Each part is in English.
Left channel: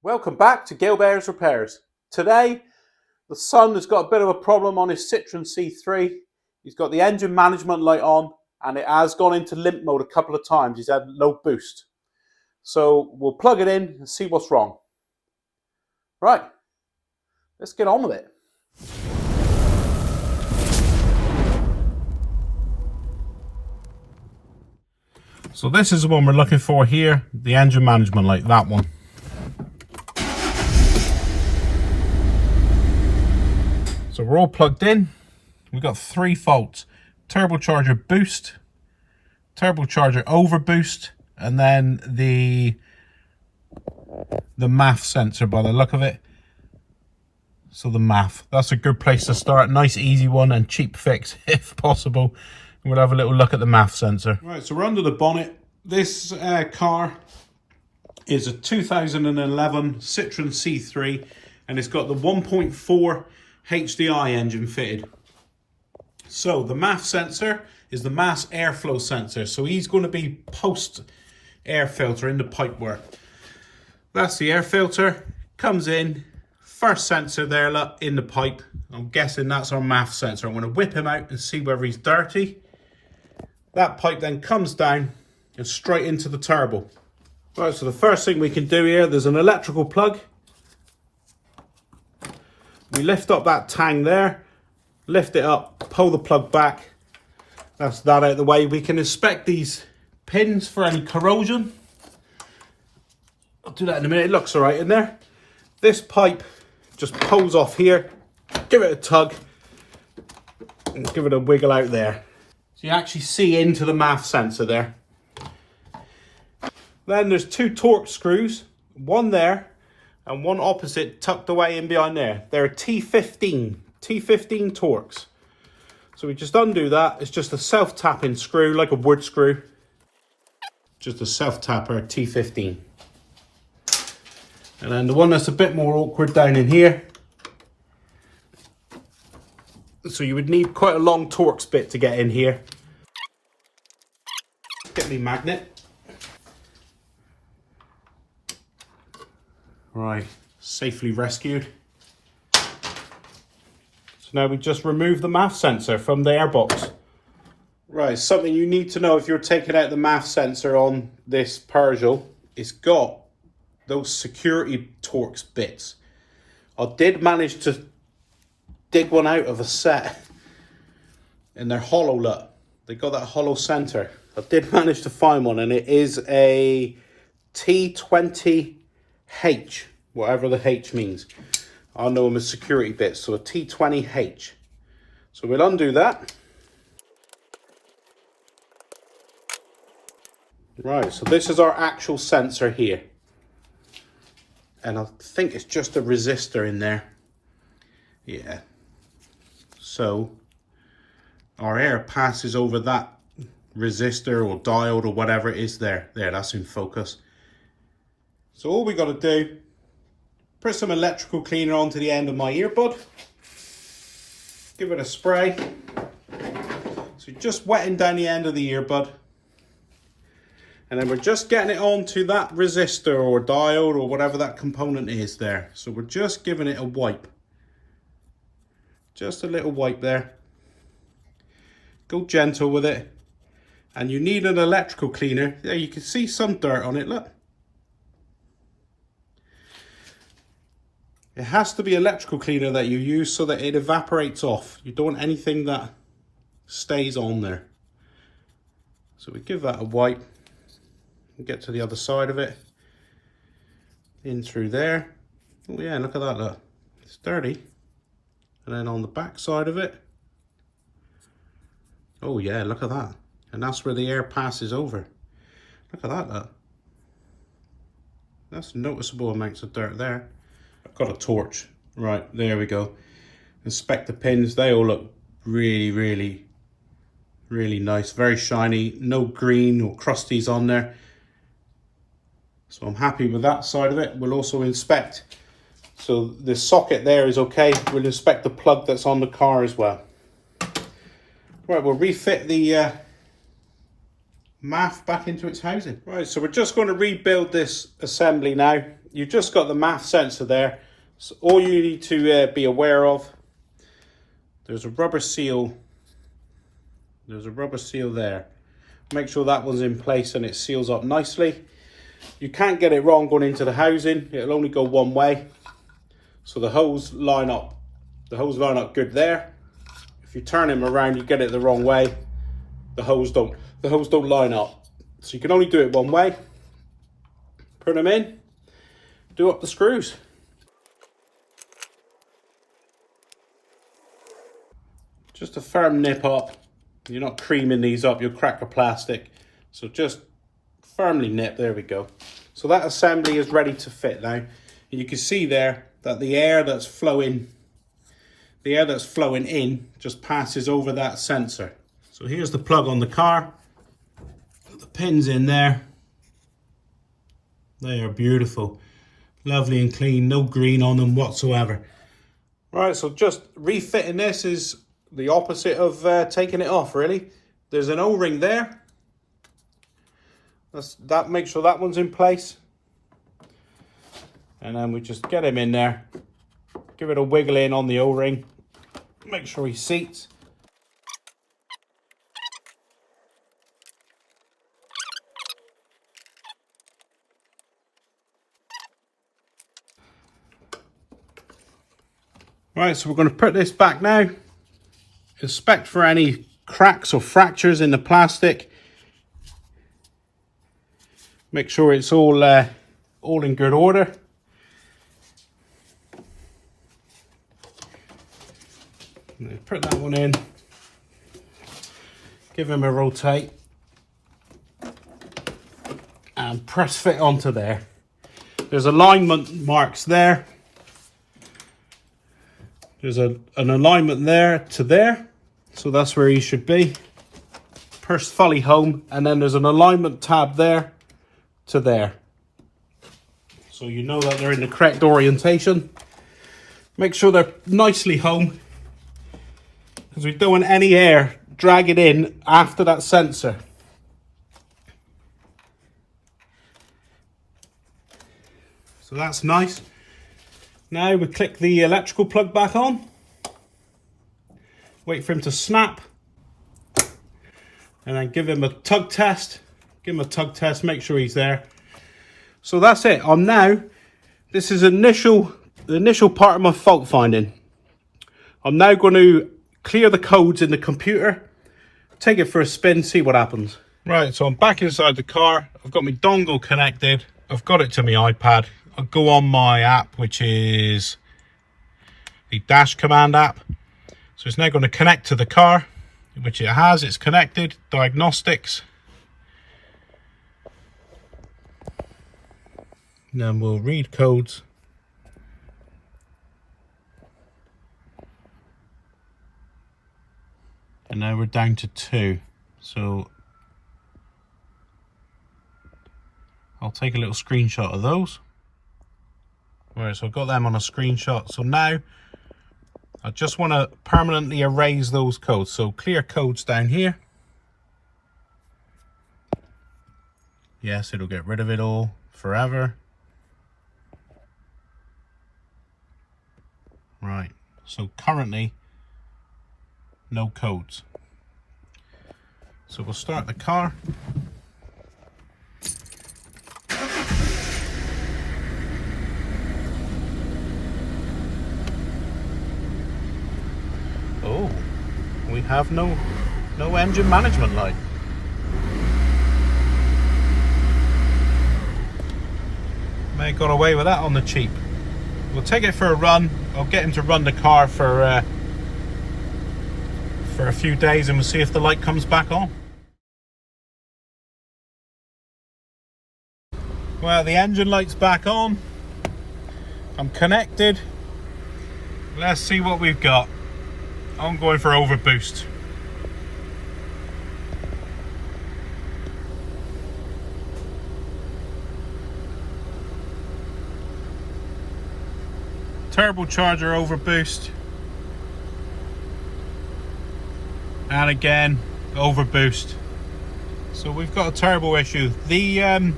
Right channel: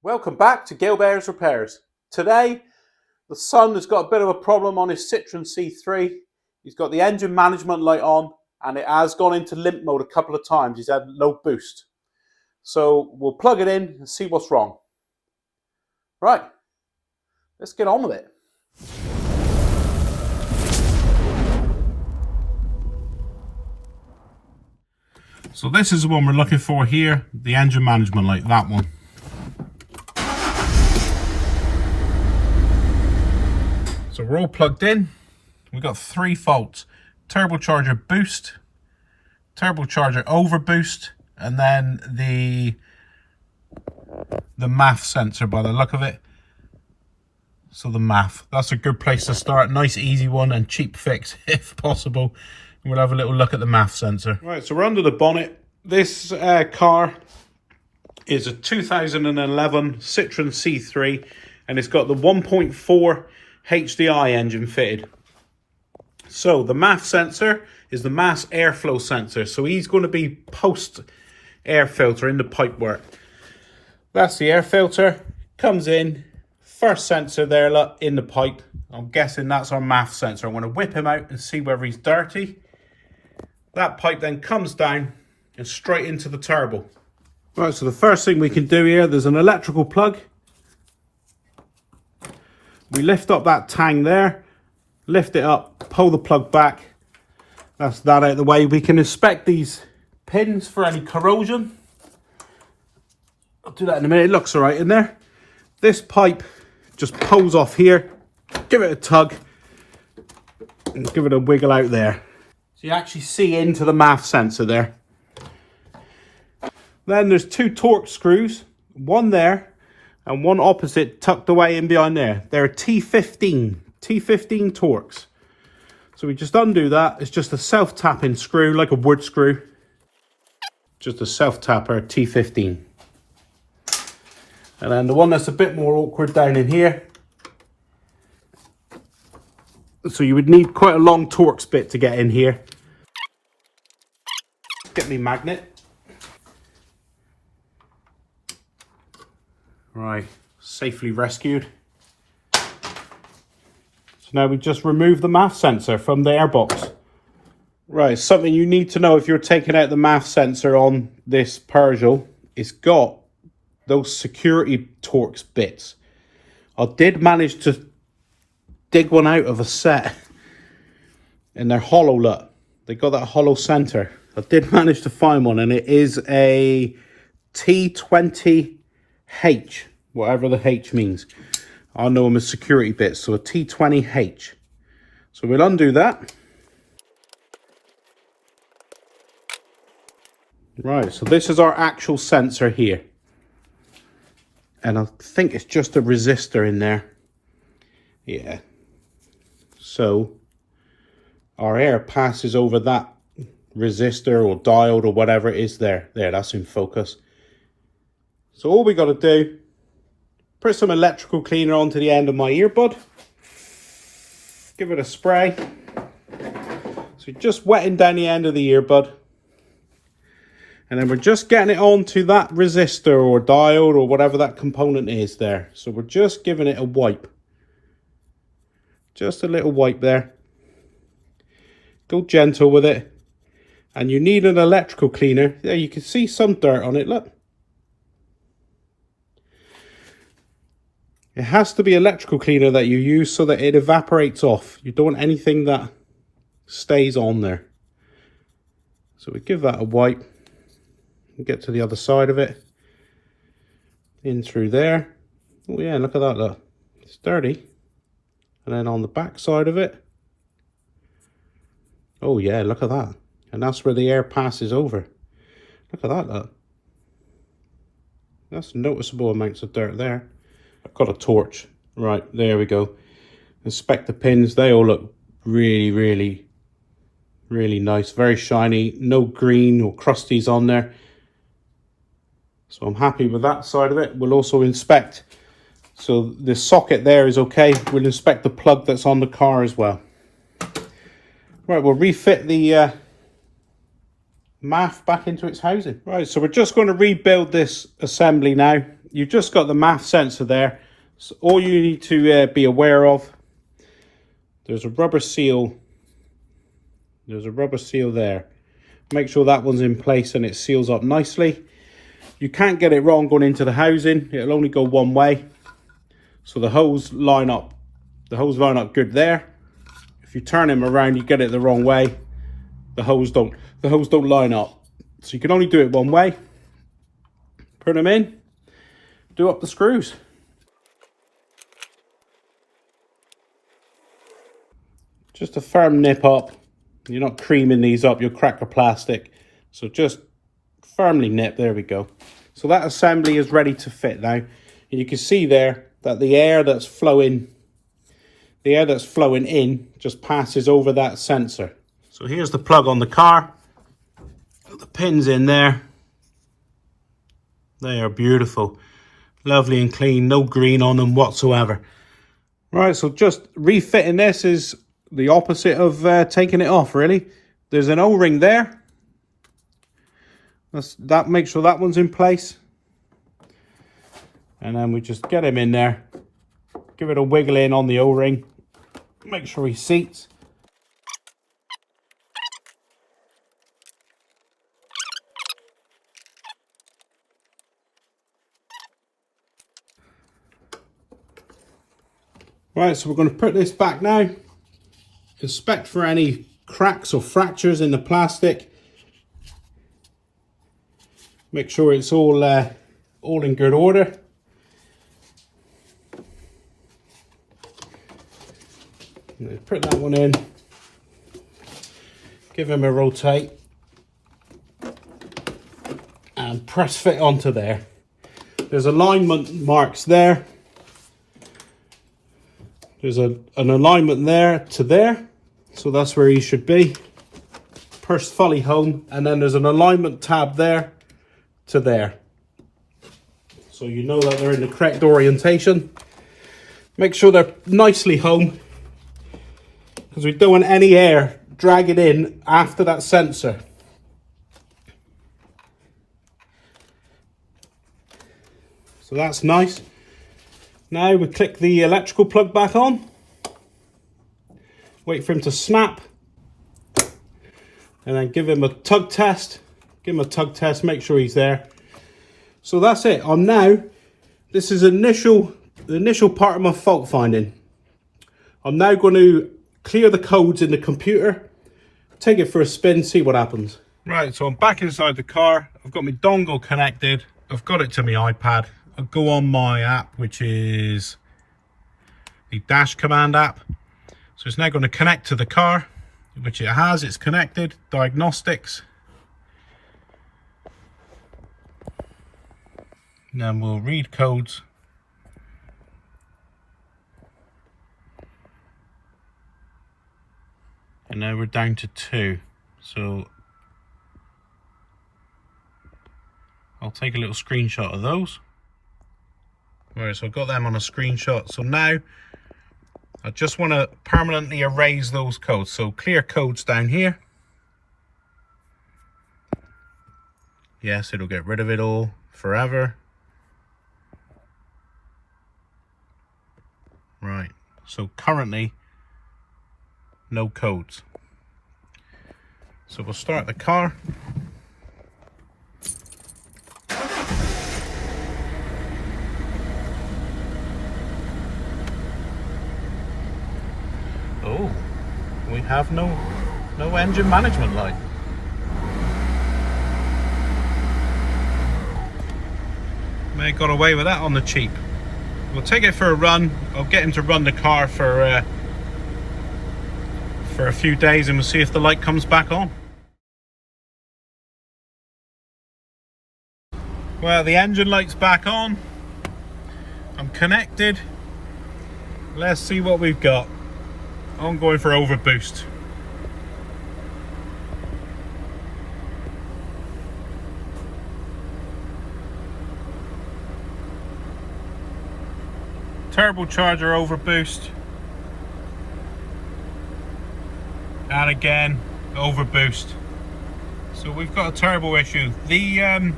Welcome back to Gilbert's Repairs. Today, the son has got a bit of a problem on his Citroen C3. He's got the engine management light on and it has gone into limp mode a couple of times. He's had low boost. So we'll plug it in and see what's wrong. Right, let's get on with it. So this is the one we're looking for here, the engine management light, that one. So we're all plugged in. We've got 3 faults: turbocharger boost, turbocharger overboost, and then the MAF sensor by the look of it. So the MAF, that's a good place to start. Nice easy one and cheap fix if possible. And we'll have a little look at the MAF sensor. Right, so we're under the bonnet. This car is a 2011 Citroen C3 and it's got the 1.4 HDI engine fitted. So the MAF sensor is the mass airflow sensor. So he's going to be post air filter in the pipework. That's the air filter. Comes in, first sensor there, look, in the pipe. I'm guessing that's our MAF sensor. I'm going to whip him out and see whether he's dirty. That pipe then comes down and straight into the turbo. Right, so the first thing we can do here, there's an electrical plug. We lift up that tang there, lift it up, pull the plug back. That's that out of the way. We can inspect these pins for any corrosion. I'll do that in a minute. It looks all right in there. This pipe just pulls off here. Give it a tug and give it a wiggle out there. So you actually see into the MAF sensor there. Then there's 2 torque screws, one there and one opposite tucked away in behind there. They're T15 Torx. So we just undo that. It's just a self-tapping screw, like a wood screw. Just a self-tapper, T15. And then the one that's a bit more awkward down in here. So you would need quite a long Torx bit to get in here. Get me magnet. Right, safely rescued. So now we just remove the MAF sensor from the airbox. Right, something you need to know if you're taking out the MAF sensor on this Peugeot, it's got those security Torx bits. I did manage to dig one out of a set and they're hollow, look. They got that hollow center. I did manage to find one and it is a T20H, whatever the H means. I know them as security bits, so a T20H. So we'll undo that. Right, so this is our actual sensor here. And I think it's just a resistor in there. Yeah. So our air passes over that resistor or diode or whatever it is there. There, that's in focus. So all we got to do, put some electrical cleaner onto the end of my earbud. Give it a spray. So just wetting down the end of the earbud. And then we're just getting it onto that resistor or diode or whatever that component is there. So we're just giving it a wipe. Just a little wipe there. Go gentle with it. And you need an electrical cleaner. There, you can see some dirt on it, look. It has to be electrical cleaner that you use so that it evaporates off. You don't want anything that stays on there. So we give that a wipe. Get to the other side of it. In through there. Oh yeah, look at that, look. It's dirty. And then on the back side of it. Oh yeah, look at that. And that's where the air passes over. Look at that, look. That's noticeable amounts of dirt there. I've got a torch. Right, there we go. Inspect the pins. They all look really nice. Very shiny. No green or crusties on there. So I'm happy with that side of it. We'll also inspect. So the socket there is okay. We'll inspect the plug that's on the car as well. Right, we'll refit the MAF back into its housing. Right, so we're just going to rebuild this assembly now. you've just got the MAF sensor there. So all you need to be aware of, there's a rubber seal. There's a rubber seal there. Make sure that one's in place and it seals up nicely. You can't get it wrong going into the housing. It'll only go one way. So the hose line up. The hose line up good there. If you turn them around, you get it the wrong way. The hose don't line up. So you can only do it one way. Put them in. Do up the screws. Just a firm nip up. You're not creaming these up, you'll crack the plastic. So just firmly nip, there we go. So that assembly is ready to fit now. And you can see there that the air that's flowing in just passes over that sensor. So here's the plug on the car. Put the pins in there. They are beautiful. Lovely and clean, no green on them whatsoever. Right, so just refitting this is the opposite of taking it off, really. There's an O-ring there. That makes sure that one's in place. And then we just get him in there. Give it a wiggle in on the O-ring. Make sure he seats. Right, so we're going to put this back now. Inspect for any cracks or fractures in the plastic. Make sure it's all in good order. Put that one in. Give him a rotate. And press fit onto there. There's alignment marks there. There's an alignment there to there. So that's where he should be. Pursed fully home. And then there's an alignment tab there to there. So you know that they're in the correct orientation. Make sure they're nicely home, because we don't want any air dragging in after that sensor. So that's nice. Now we click the electrical plug back on. Wait for him to snap. And then give him a tug test. Give him a tug test, make sure he's there. So that's it. This is the initial part of my fault finding. I'm now going to clear the codes in the computer, take it for a spin, see what happens. Right, so I'm back inside the car. I've got my dongle connected. I've got it to my iPad. I'll go on my app, which is the dash command app. So it's now going to connect to the car, which it has. It's connected. Diagnostics. And then we'll read codes. And now we're down to 2. So I'll take a little screenshot of those. Right, so I've got them on a screenshot. So now I just want to permanently erase those codes. So clear codes down here. Yes, it'll get rid of it all forever. Right, so currently no codes. So we'll start the car. Oh, we have no engine management light. May have got away with that on the cheap. We'll take it for a run. I'll get him to run the car for a few days, and we'll see if the light comes back on. Well, the engine light's back on. I'm connected. Let's see what we've got. I'm going for overboost. Turbocharger overboost. And again, overboost. So we've got a turbo issue. The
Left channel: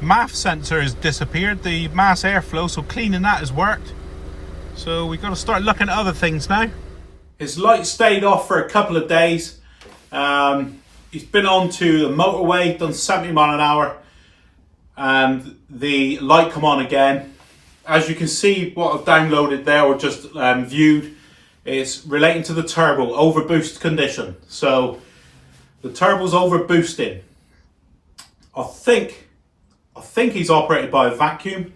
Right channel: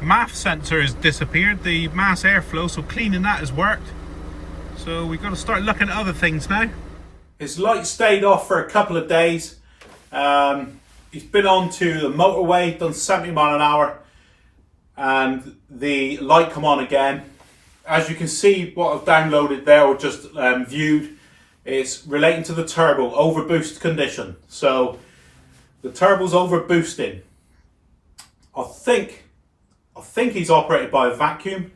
MAF sensor has disappeared, the mass airflow, so cleaning that has worked. So we've got to start looking at other things now. His light stayed off for a couple of days. He's been on to the motorway, done 70 mile an hour, and the light come on again. As you can see, what I've downloaded there or just viewed, it's relating to the turbo overboost condition. So the turbo's overboosting. I think he's operated by a vacuum.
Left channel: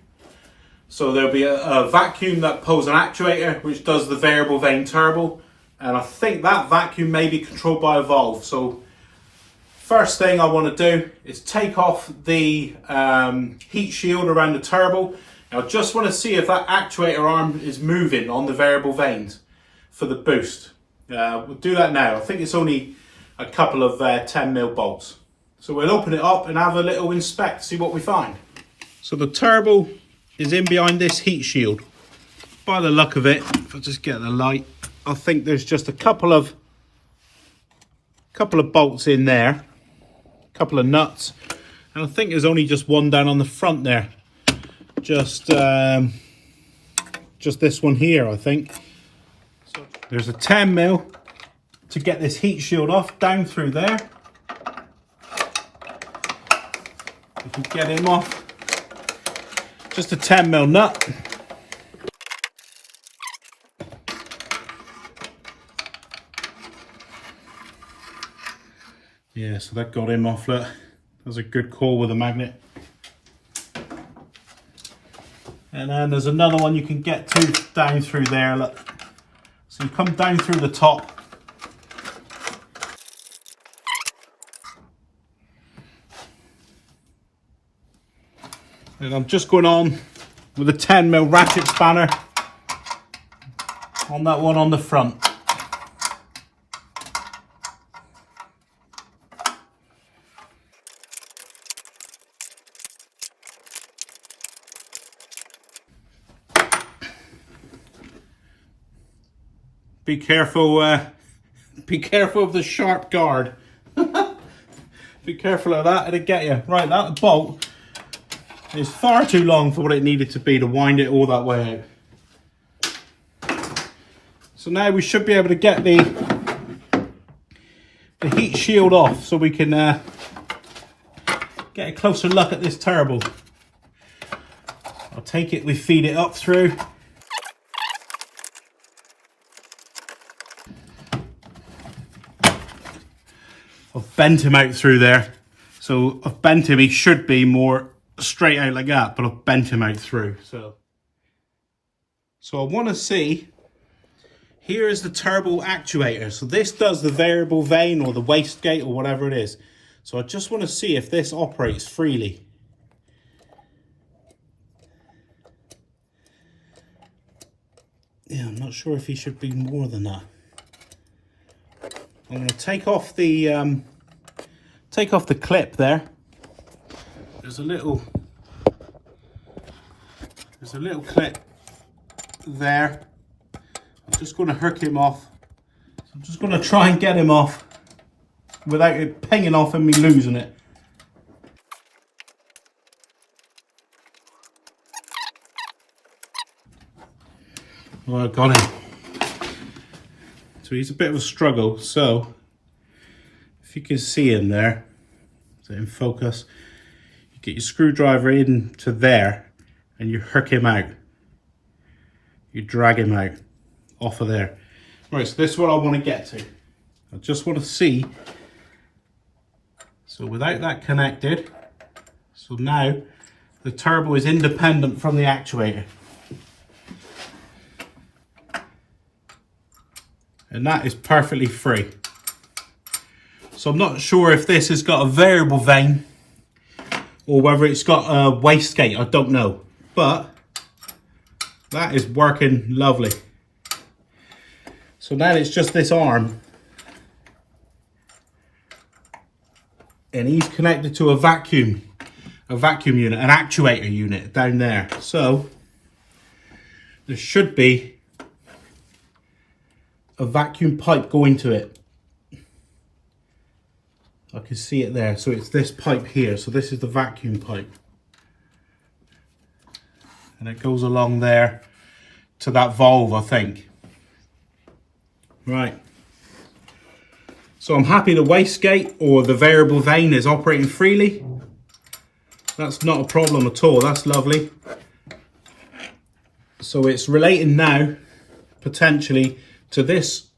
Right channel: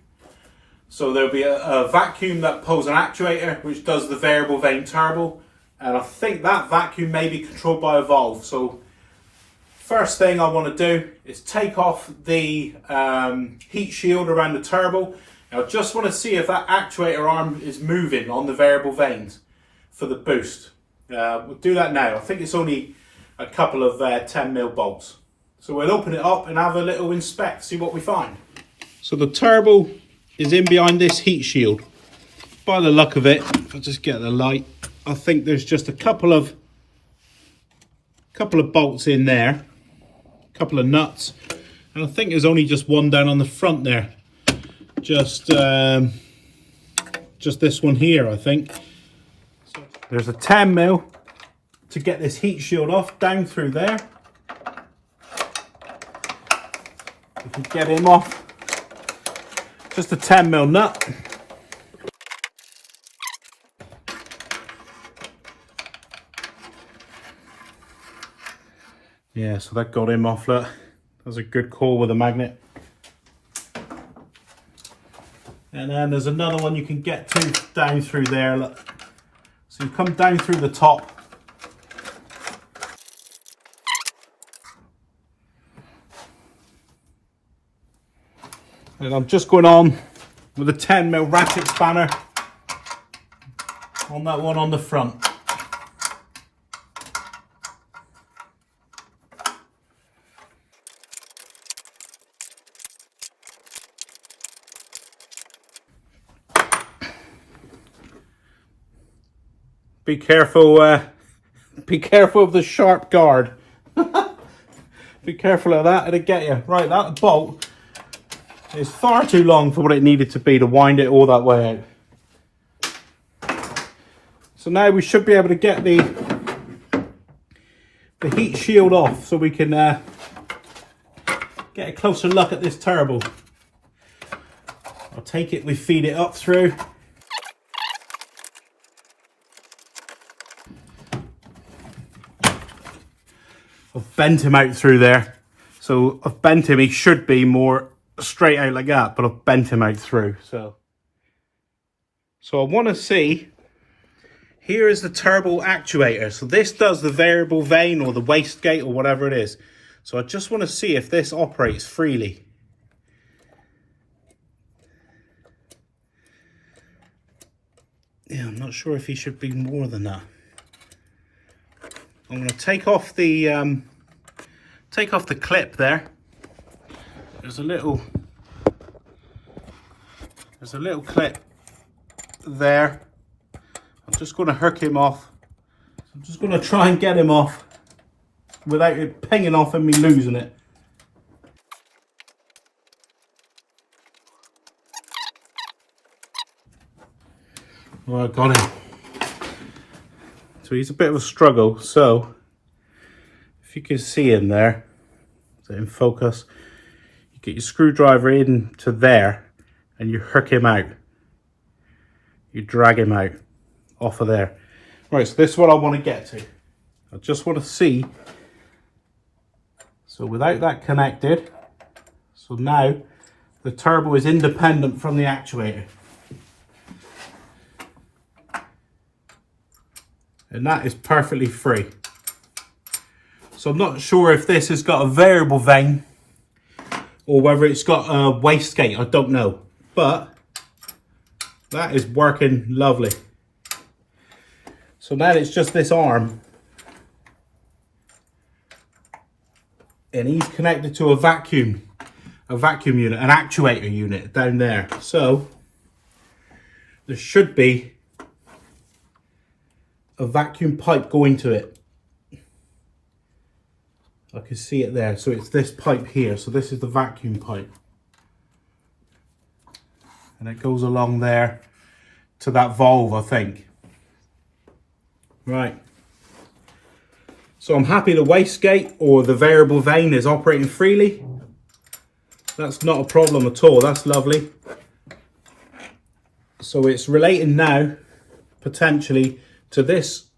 So there'll be a vacuum that pulls an actuator which does the variable vane turbo, and I think that vacuum may be controlled by a valve. So first thing I want to do is take off the heat shield around the turbo. I just want to see if that actuator arm is moving on the variable vanes for the boost. We'll do that now. I think it's only a couple of 10mm bolts. So we'll open it up and have a little inspect, see what we find. So the turbo is in behind this heat shield. By the look of it, if I just get the light, I think there's just a couple of bolts in there, a couple of nuts, and I think there's only just one down on the front there. Just this one here, I think. So there's a 10mm to get this heat shield off, down through there. We can get him off. Just a 10mm nut. Yeah, so that got him off. Look, that was a good call with a magnet. And then there's another one you can get to down through there. Look, so you come down through the top. And I'm just going on with a 10mm ratchet spanner on that one on the front. Be careful of the sharp guard. Be careful of that, it'll get you. Right, that bolt is far too long for what it needed to be to wind it all that way out. So now we should be able to get the heat shield off so we can get a closer look at this turbo. I'll take it, we feed it up through. I've bent him out through there. So I've bent him, he should be more straight out like that, but I've bent him out through. So I want to see, here is the turbo actuator. So this does the variable vane or the wastegate or whatever it is. So I just want to see if this operates freely. Yeah, I'm not sure if he should be more than that. I'm going to take off the clip there. There's a little clip there. I'm just going to hook him off. So I'm just going to try and get him off without it pinging off and me losing it. Well, I got him. So he's a bit of a struggle. So if you can see him there, so in focus, you get your screwdriver into there and you hook him out. You drag him out off of there. Right, so this is what I want to get to. I just want to see. So without that connected, so now the turbo is independent from the actuator. And that is perfectly free. So I'm not sure if this has got a variable vane or whether it's got a wastegate, I don't know. But that is working lovely. So now it's just this arm. And he's connected to a vacuum unit, an actuator unit down there. So there should be a vacuum pipe going to it. I can see it there. So it's this pipe here. So this is the vacuum pipe. and it goes along there to that valve, I think. Right. So I'm happy the wastegate or the variable vane is operating freely. That's not a problem at all. That's lovely. So it's relating now potentially to this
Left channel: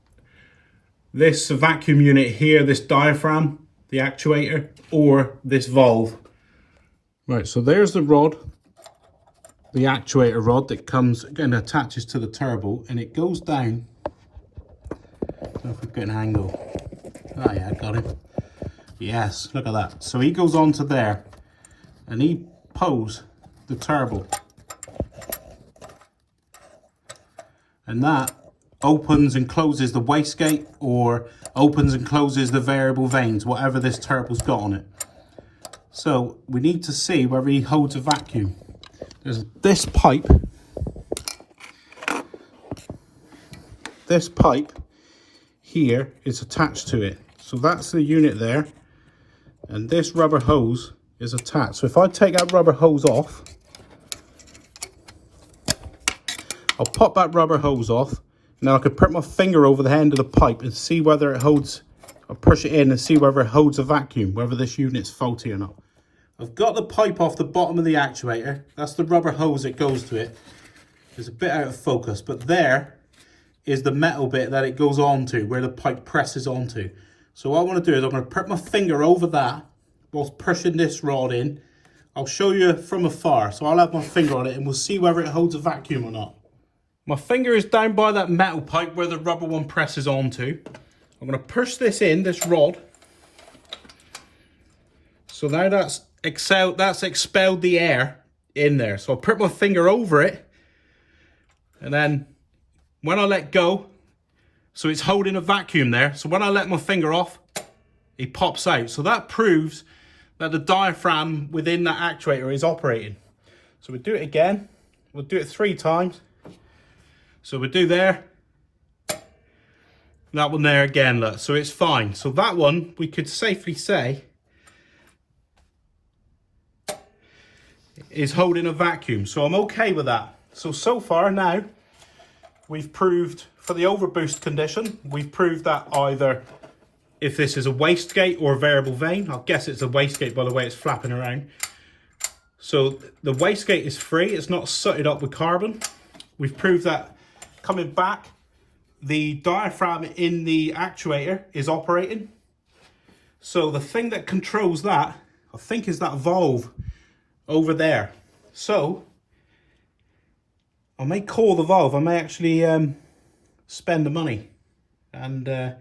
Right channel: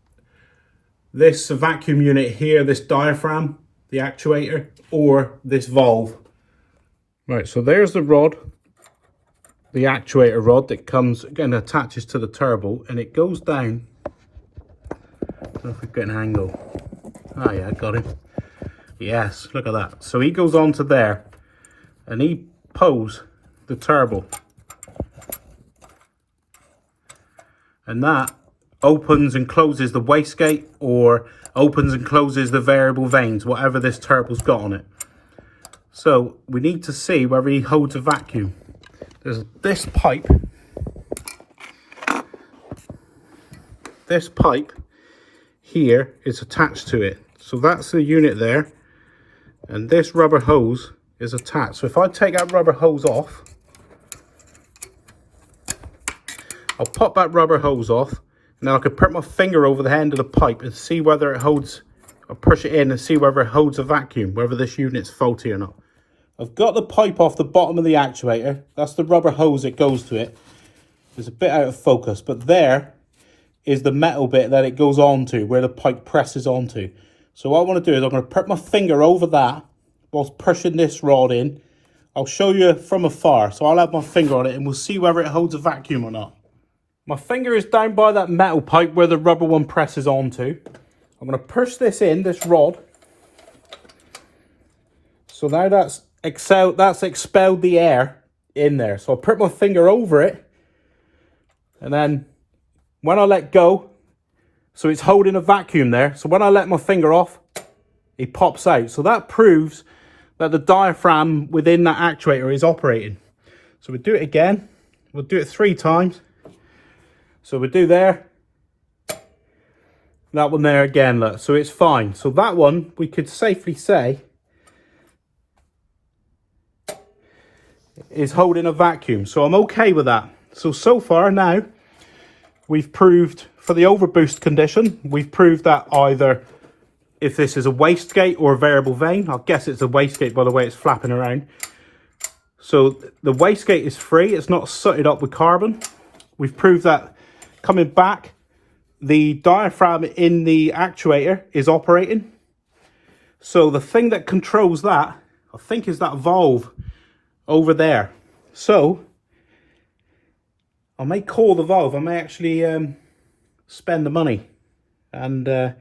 vacuum unit here, this diaphragm, the actuator, or this valve. Right, so there's the rod, the actuator rod that comes and attaches to the turbo, and it goes down. I don't know if we get an angle. Oh yeah, I got him. Yes, look at that. So he goes on to there and he pulls the turbo. And that opens and closes the wastegate or opens and closes the variable vanes, whatever this turbo's got on it. So we need to see whether he holds a vacuum. There's this pipe. This pipe here is attached to it. So that's the unit there. And this rubber hose is attached. So if I take that rubber hose off, I'll pop that rubber hose off. Now I can put my finger over the end of the pipe and see whether it holds, or push it in and see whether it holds a vacuum, whether this unit's faulty or not. I've got the pipe off the bottom of the actuator. That's the rubber hose that goes to it. It's a bit out of focus, but there is the metal bit that it goes onto, where the pipe presses onto. So what I want to do is I'm going to put my finger over that whilst pushing this rod in. I'll show you from afar. So I'll have my finger on it and we'll see whether it holds a vacuum or not. My finger is down by that metal pipe where the rubber one presses onto. I'm going to push this in, this rod. So now that's expelled the air in there. So I'll put my finger over it. And then when I let go, so it's holding a vacuum there. So when I let my finger off, it pops out. So that proves that the diaphragm within that actuator is operating. So we'll do it again. We'll do it 3 times. So we do there, that one there again, look, so it's fine. So that one, we could safely say, is holding a vacuum. So I'm okay with that. So far now, we've proved for the overboost condition, we've proved that either if this is a wastegate or a variable vane, I'll guess it's a wastegate by the way it's flapping around. So the wastegate is free, it's not sooted up with carbon. We've proved that coming back, the diaphragm in the actuator is operating. So the thing that controls that, I think, is that valve over there. So I may call the valve. I may actually spend the money and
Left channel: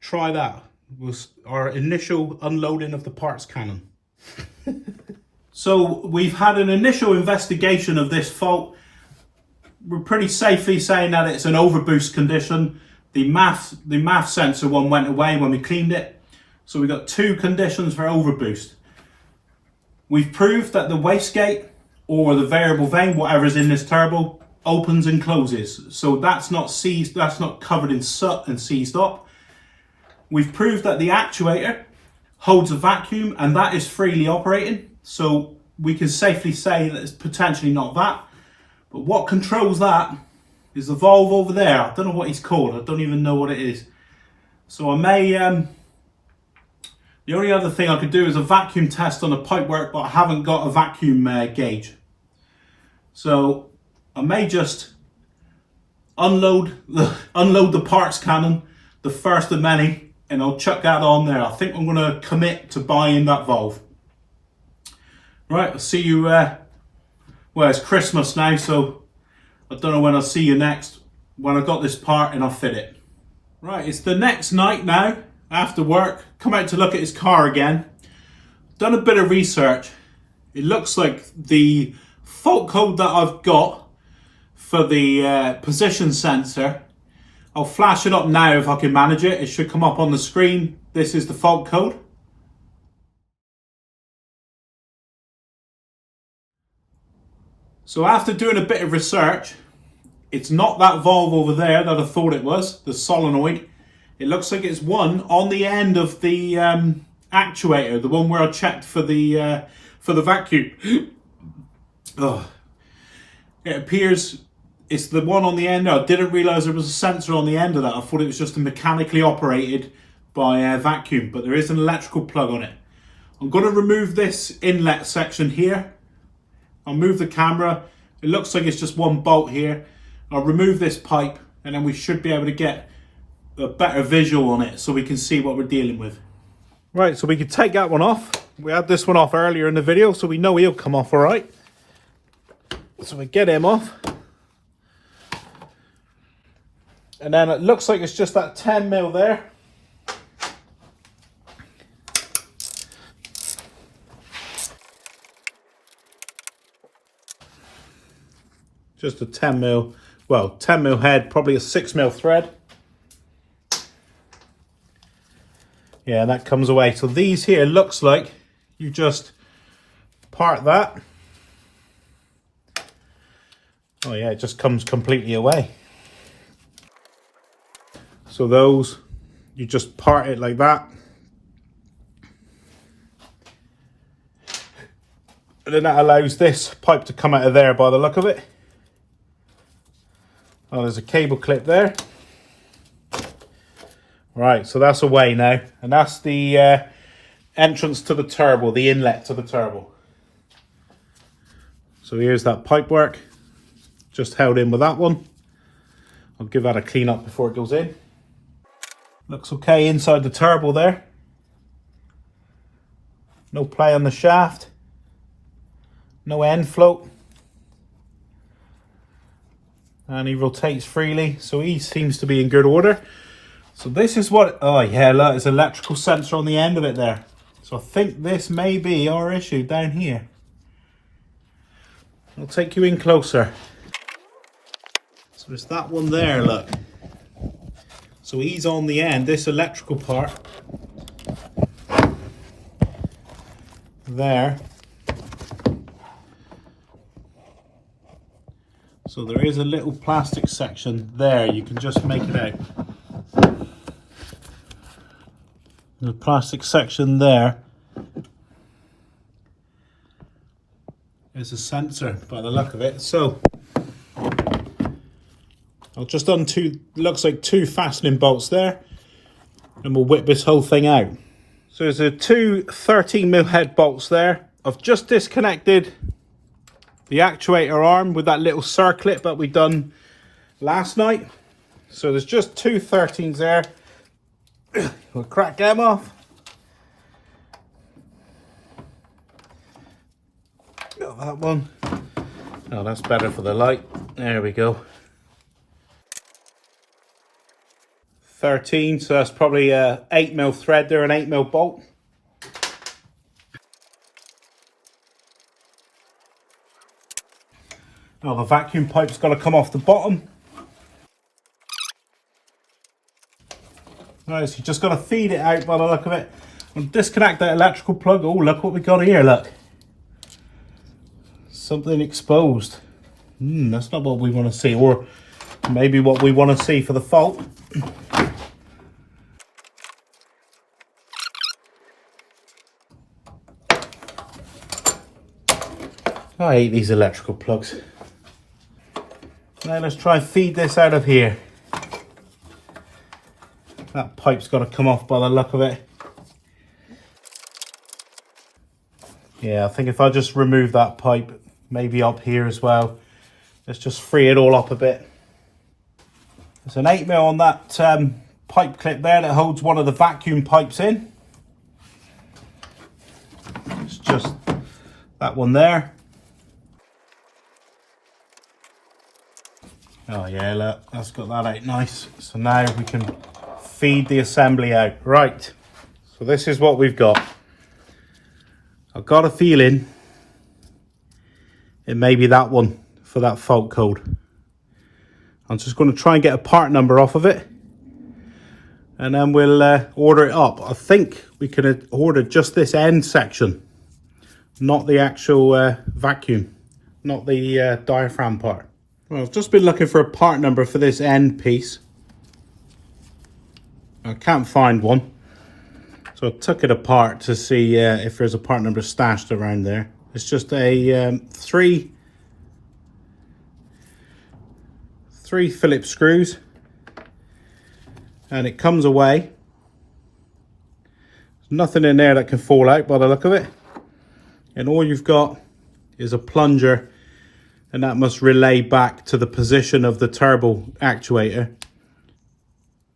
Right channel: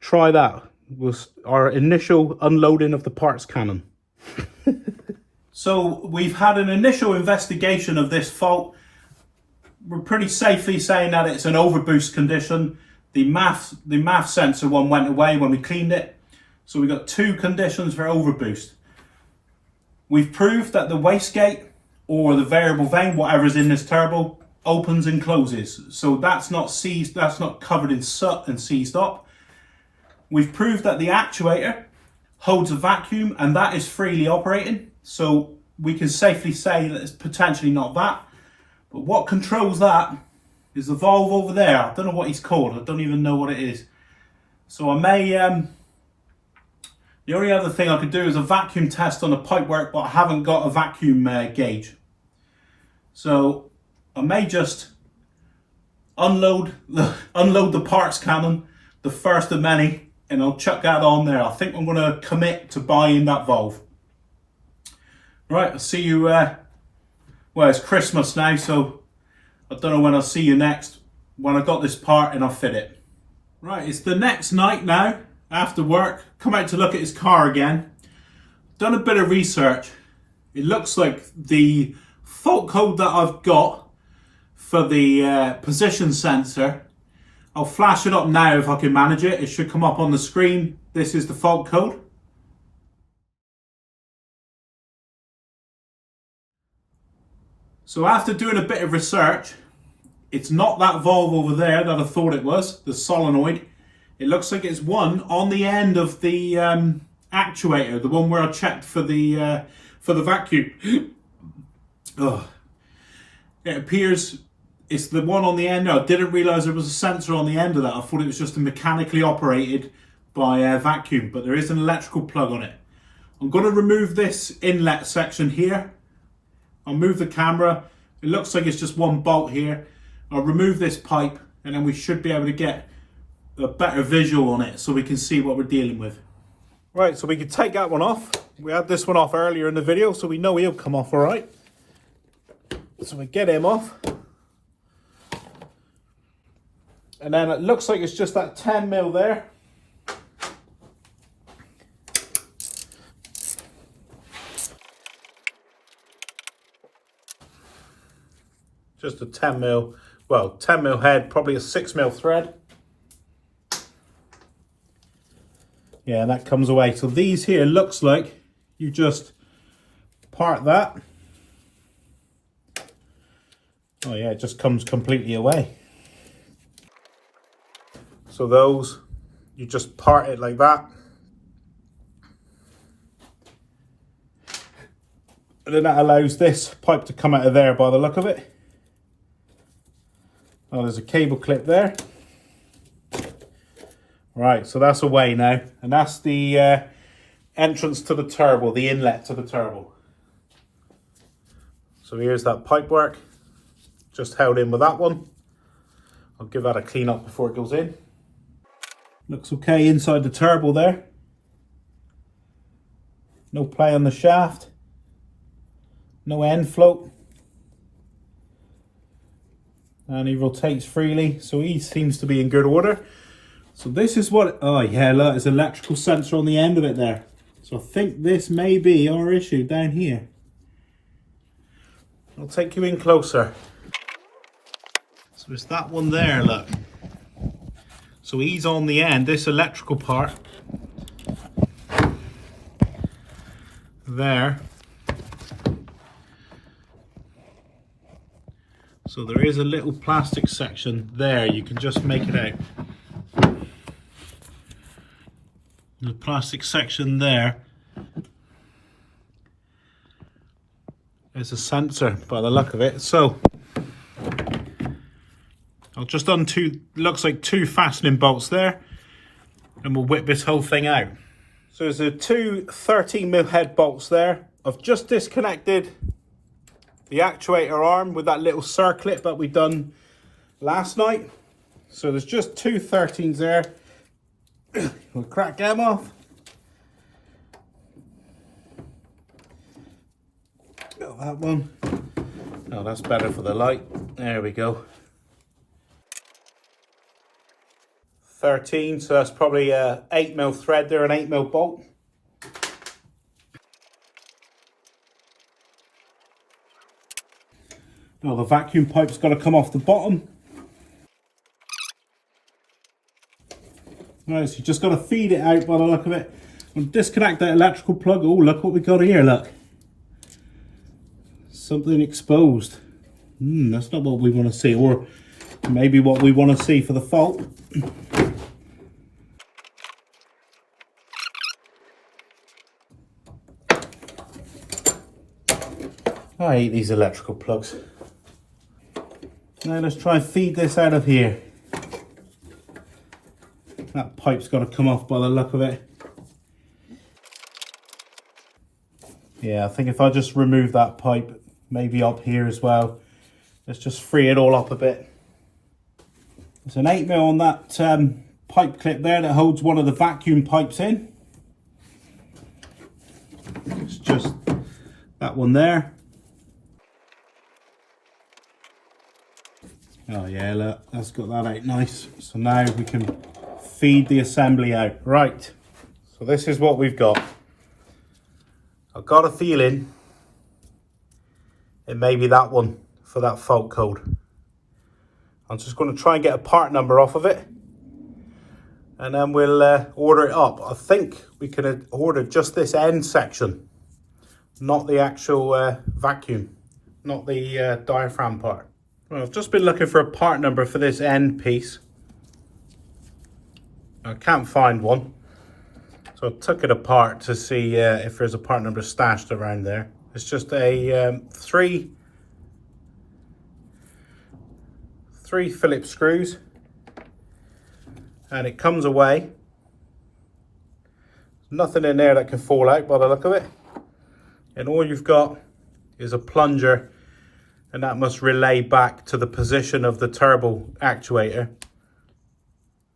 try that. Was our initial unloading of the parts cannon. So we've had an initial investigation of this fault. We're pretty safely saying that it's an overboost condition. The MAF sensor one went away when we cleaned it. So we've got 2 conditions for overboost. We've proved that the wastegate or the variable vane, whatever's in this turbo, opens and closes. So that's not seized, that's not covered in soot and seized up. We've proved that the actuator holds a vacuum and that is freely operating. So we can safely say that it's potentially not that. But what controls that is the valve over there. I don't know what it's called. I don't even know what it is. So I may... the only other thing I could do is a vacuum test on the pipework, but I haven't got a vacuum gauge. So I may just unload the parts cannon, the first of many, and I'll chuck that on there. I think I'm going to commit to buying that valve. Right, I'll see you... well, it's Christmas now, so I don't know when I'll see you next, when I got this part and I'll fit it. Right, it's the next night now, after work, come out to look at his car again. Done a bit of research. It looks like the fault code that I've got for the position sensor, I'll flash it up now if I can manage it. It should come up on the screen. This is the fault code. So after doing a bit of research, it's not that valve over there that I thought it was, the solenoid. It looks like it's one on the end of the actuator, the one where I checked for the vacuum. Oh. It appears it's the one on the end. No, I didn't realise there was a sensor on the end of that. I thought it was just a mechanically operated by a vacuum, but there is an electrical plug on it. I'm going to remove this inlet section here. I'll move the camera. It looks like it's just one bolt here. I'll remove this pipe and then we should be able to get a better visual on it so we can see what we're dealing with. Right, so we can take that one off. We had this one off earlier in the video, so we know he'll come off all right. So we get him off. And then it looks like it's just that 10mm there. Just a 10mm, well, 10mm head, probably a 6mm thread. Yeah, and that comes away. So these here looks like you just part that. Oh yeah, it just comes completely away. So those, you just part it like that. And then that allows this pipe to come out of there by the look of it. Oh, there's a cable clip there. Right, so that's away now. And that's the entrance to the turbo, the inlet to the turbo. So here's that pipe work. Just held in with that one. I'll give that a clean up before it goes in. Looks okay inside the turbo there. No play on the shaft. No end float. And he rotates freely, so he seems to be in good order. So this is what, oh yeah, look, there's an electrical sensor on the end of it there. So I think this may be our issue down here. I'll take you in closer. So it's that one there, look. So he's on the end, this electrical part. There. So there is a little plastic section there, you can just make it out. The plastic section there is a sensor by the look of it. So I'll just undo, looks like 2 fastening bolts there, and we'll whip this whole thing out. So there's a 2 13mm head bolts there. I've just disconnected the actuator arm with that little circlip that we done last night. So there's just 2 13s there. We'll crack them off. Got that one. Oh, that's better for the light. There we go. 13, so that's probably a 8mm thread there, an 8mm bolt. Oh, the vacuum pipe's got to come off the bottom. Right, so you just got to feed it out by the look of it. And disconnect that electrical plug. Oh, look what we got here, look. Something exposed. That's not what we want to see, or maybe what we want to see for the fault. I hate these electrical plugs. Now let's try and feed this out of here. That pipe's got to come off by the look of it. Yeah, I think if I just remove that pipe, maybe up here as well. Let's just free it all up a bit. There's an 8mm on that pipe clip there that holds one of the vacuum pipes in. It's just that one there. Oh yeah, look, that's got that out nice. So now we can feed the assembly out. Right, so this is what we've got. I've got a feeling it may be that one for that fault code. I'm just going to try and get a part number off of it, and then we'll order it up. I think we could order just this end section, not the actual vacuum, not the diaphragm part. Well, I've just been looking for a part number for this end piece. I can't find one, so I took it apart to see if there's a part number stashed around there. It's just a 3 3 Phillips screws, and it comes away. There's nothing in there that can fall out by the look of it, and all you've got is a plunger, and that must relay back to the position of the turbo actuator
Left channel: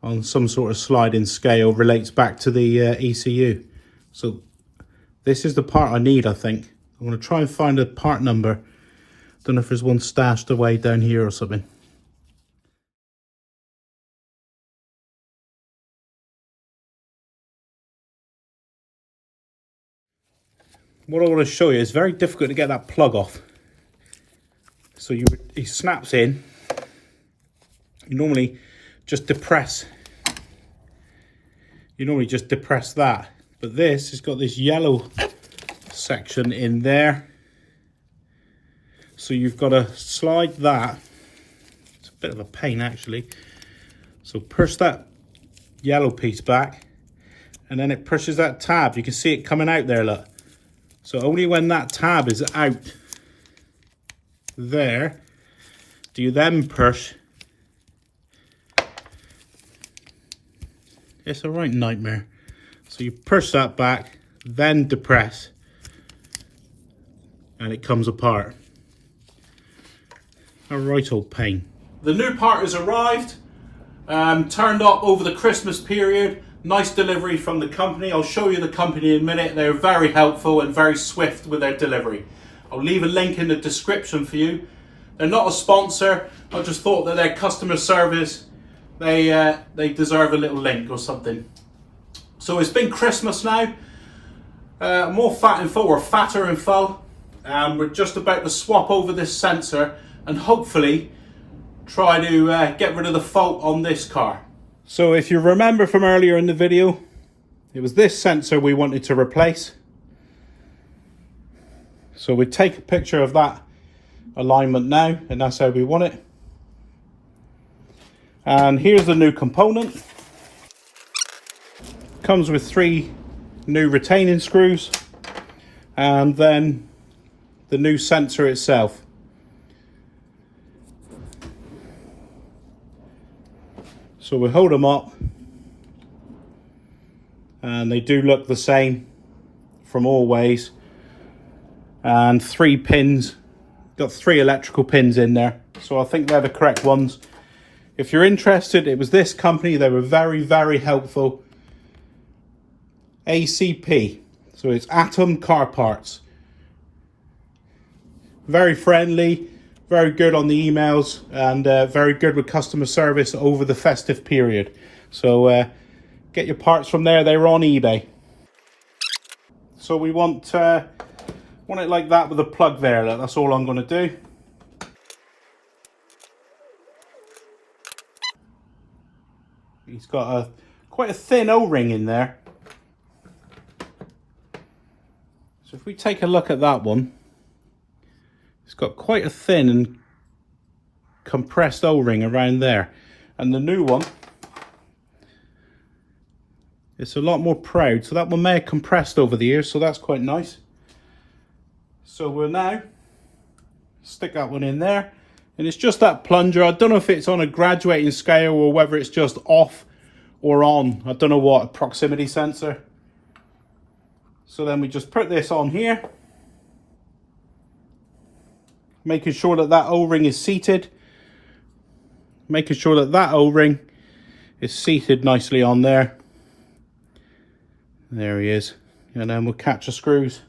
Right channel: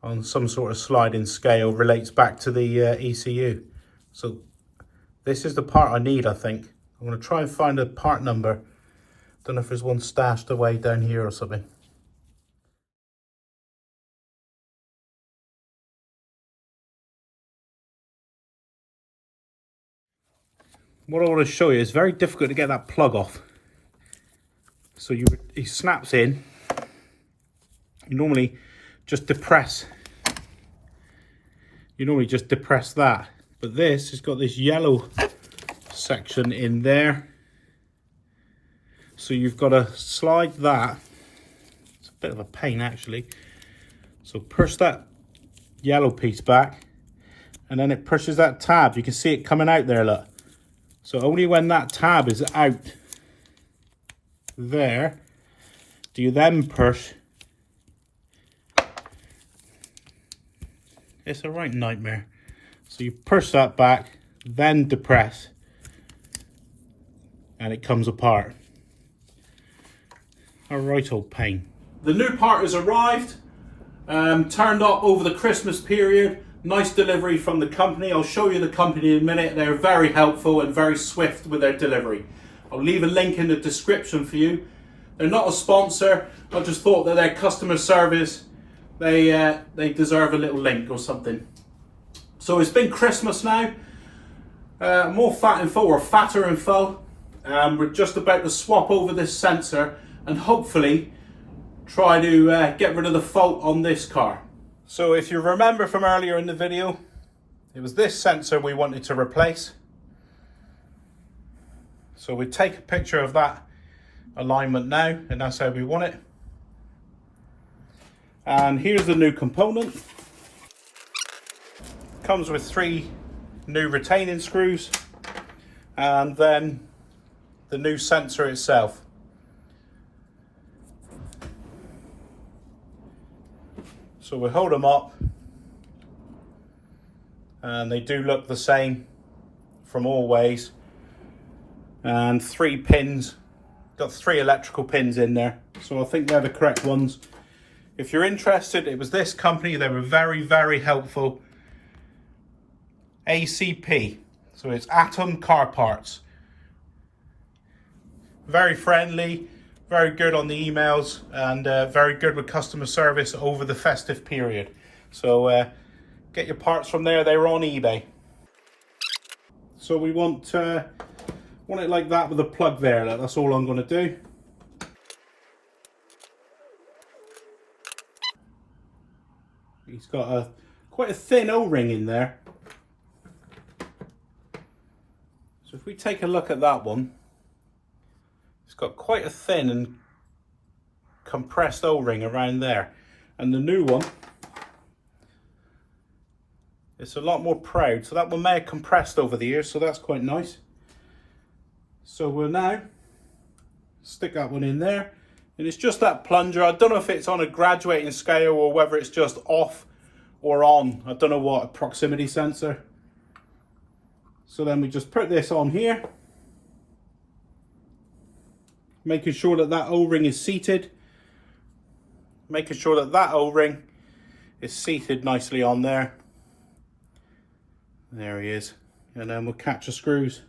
on some sort of sliding scale, relates back to the ECU. So this is the part I need, I think. I'm going to try and find a part number. Don't know if there's one stashed away down here or something. What I want to show you is very difficult to get that plug off. So he snaps in. You normally just depress. You normally just depress that, but this has got this yellow section in there. So you've got to slide that. It's a bit of a pain actually. So push that yellow piece back, and then it pushes that tab. You can see it coming out there, look. So only when that tab is out there do you then push. It's a right nightmare. So you push that back, then depress, and it comes apart. A right old pain. The new part has arrived, turned up over the Christmas period. Nice delivery from the company. I'll show you the company in a minute. They're very helpful and very swift with their delivery. I'll leave a link in the description for you. They're not a sponsor. I just thought that their customer service, they deserve a little link or something. So it's been Christmas now. More fat info, or fatter info. We're just about to swap over this sensor and hopefully try to get rid of the fault on this car. So if you remember from earlier in the video, it was this sensor we wanted to replace. So we take a picture of that alignment now, and that's how we want it. And here's the new component. Comes with 3 new retaining screws, and then the new sensor itself. So we hold them up, and they do look the same from all ways. And 3 pins, got 3 electrical pins in there, so I think they're the correct ones. If you're interested, it was this company. They were very, very helpful. ACP, so it's Atom Car Parts. Very friendly, very good on the emails, and very good with customer service over the festive period. So get your parts from there. They're on eBay. So we want it like that with a plug there. That's all I'm going to do. He's got quite a thin O-ring in there. So if we take a look at that one, it's got quite a thin and compressed O-ring around there. And the new one, it's a lot more proud. So that one may have compressed over the years, so that's quite nice. So we'll now stick that one in there. And it's just that plunger. I don't know if it's on a graduating scale or whether it's just off or on. I don't know what, a proximity sensor. So then we just put this on here, making sure that that O-ring is seated. Making sure that that O-ring is seated nicely on there. There he is. And then we'll catch the screws.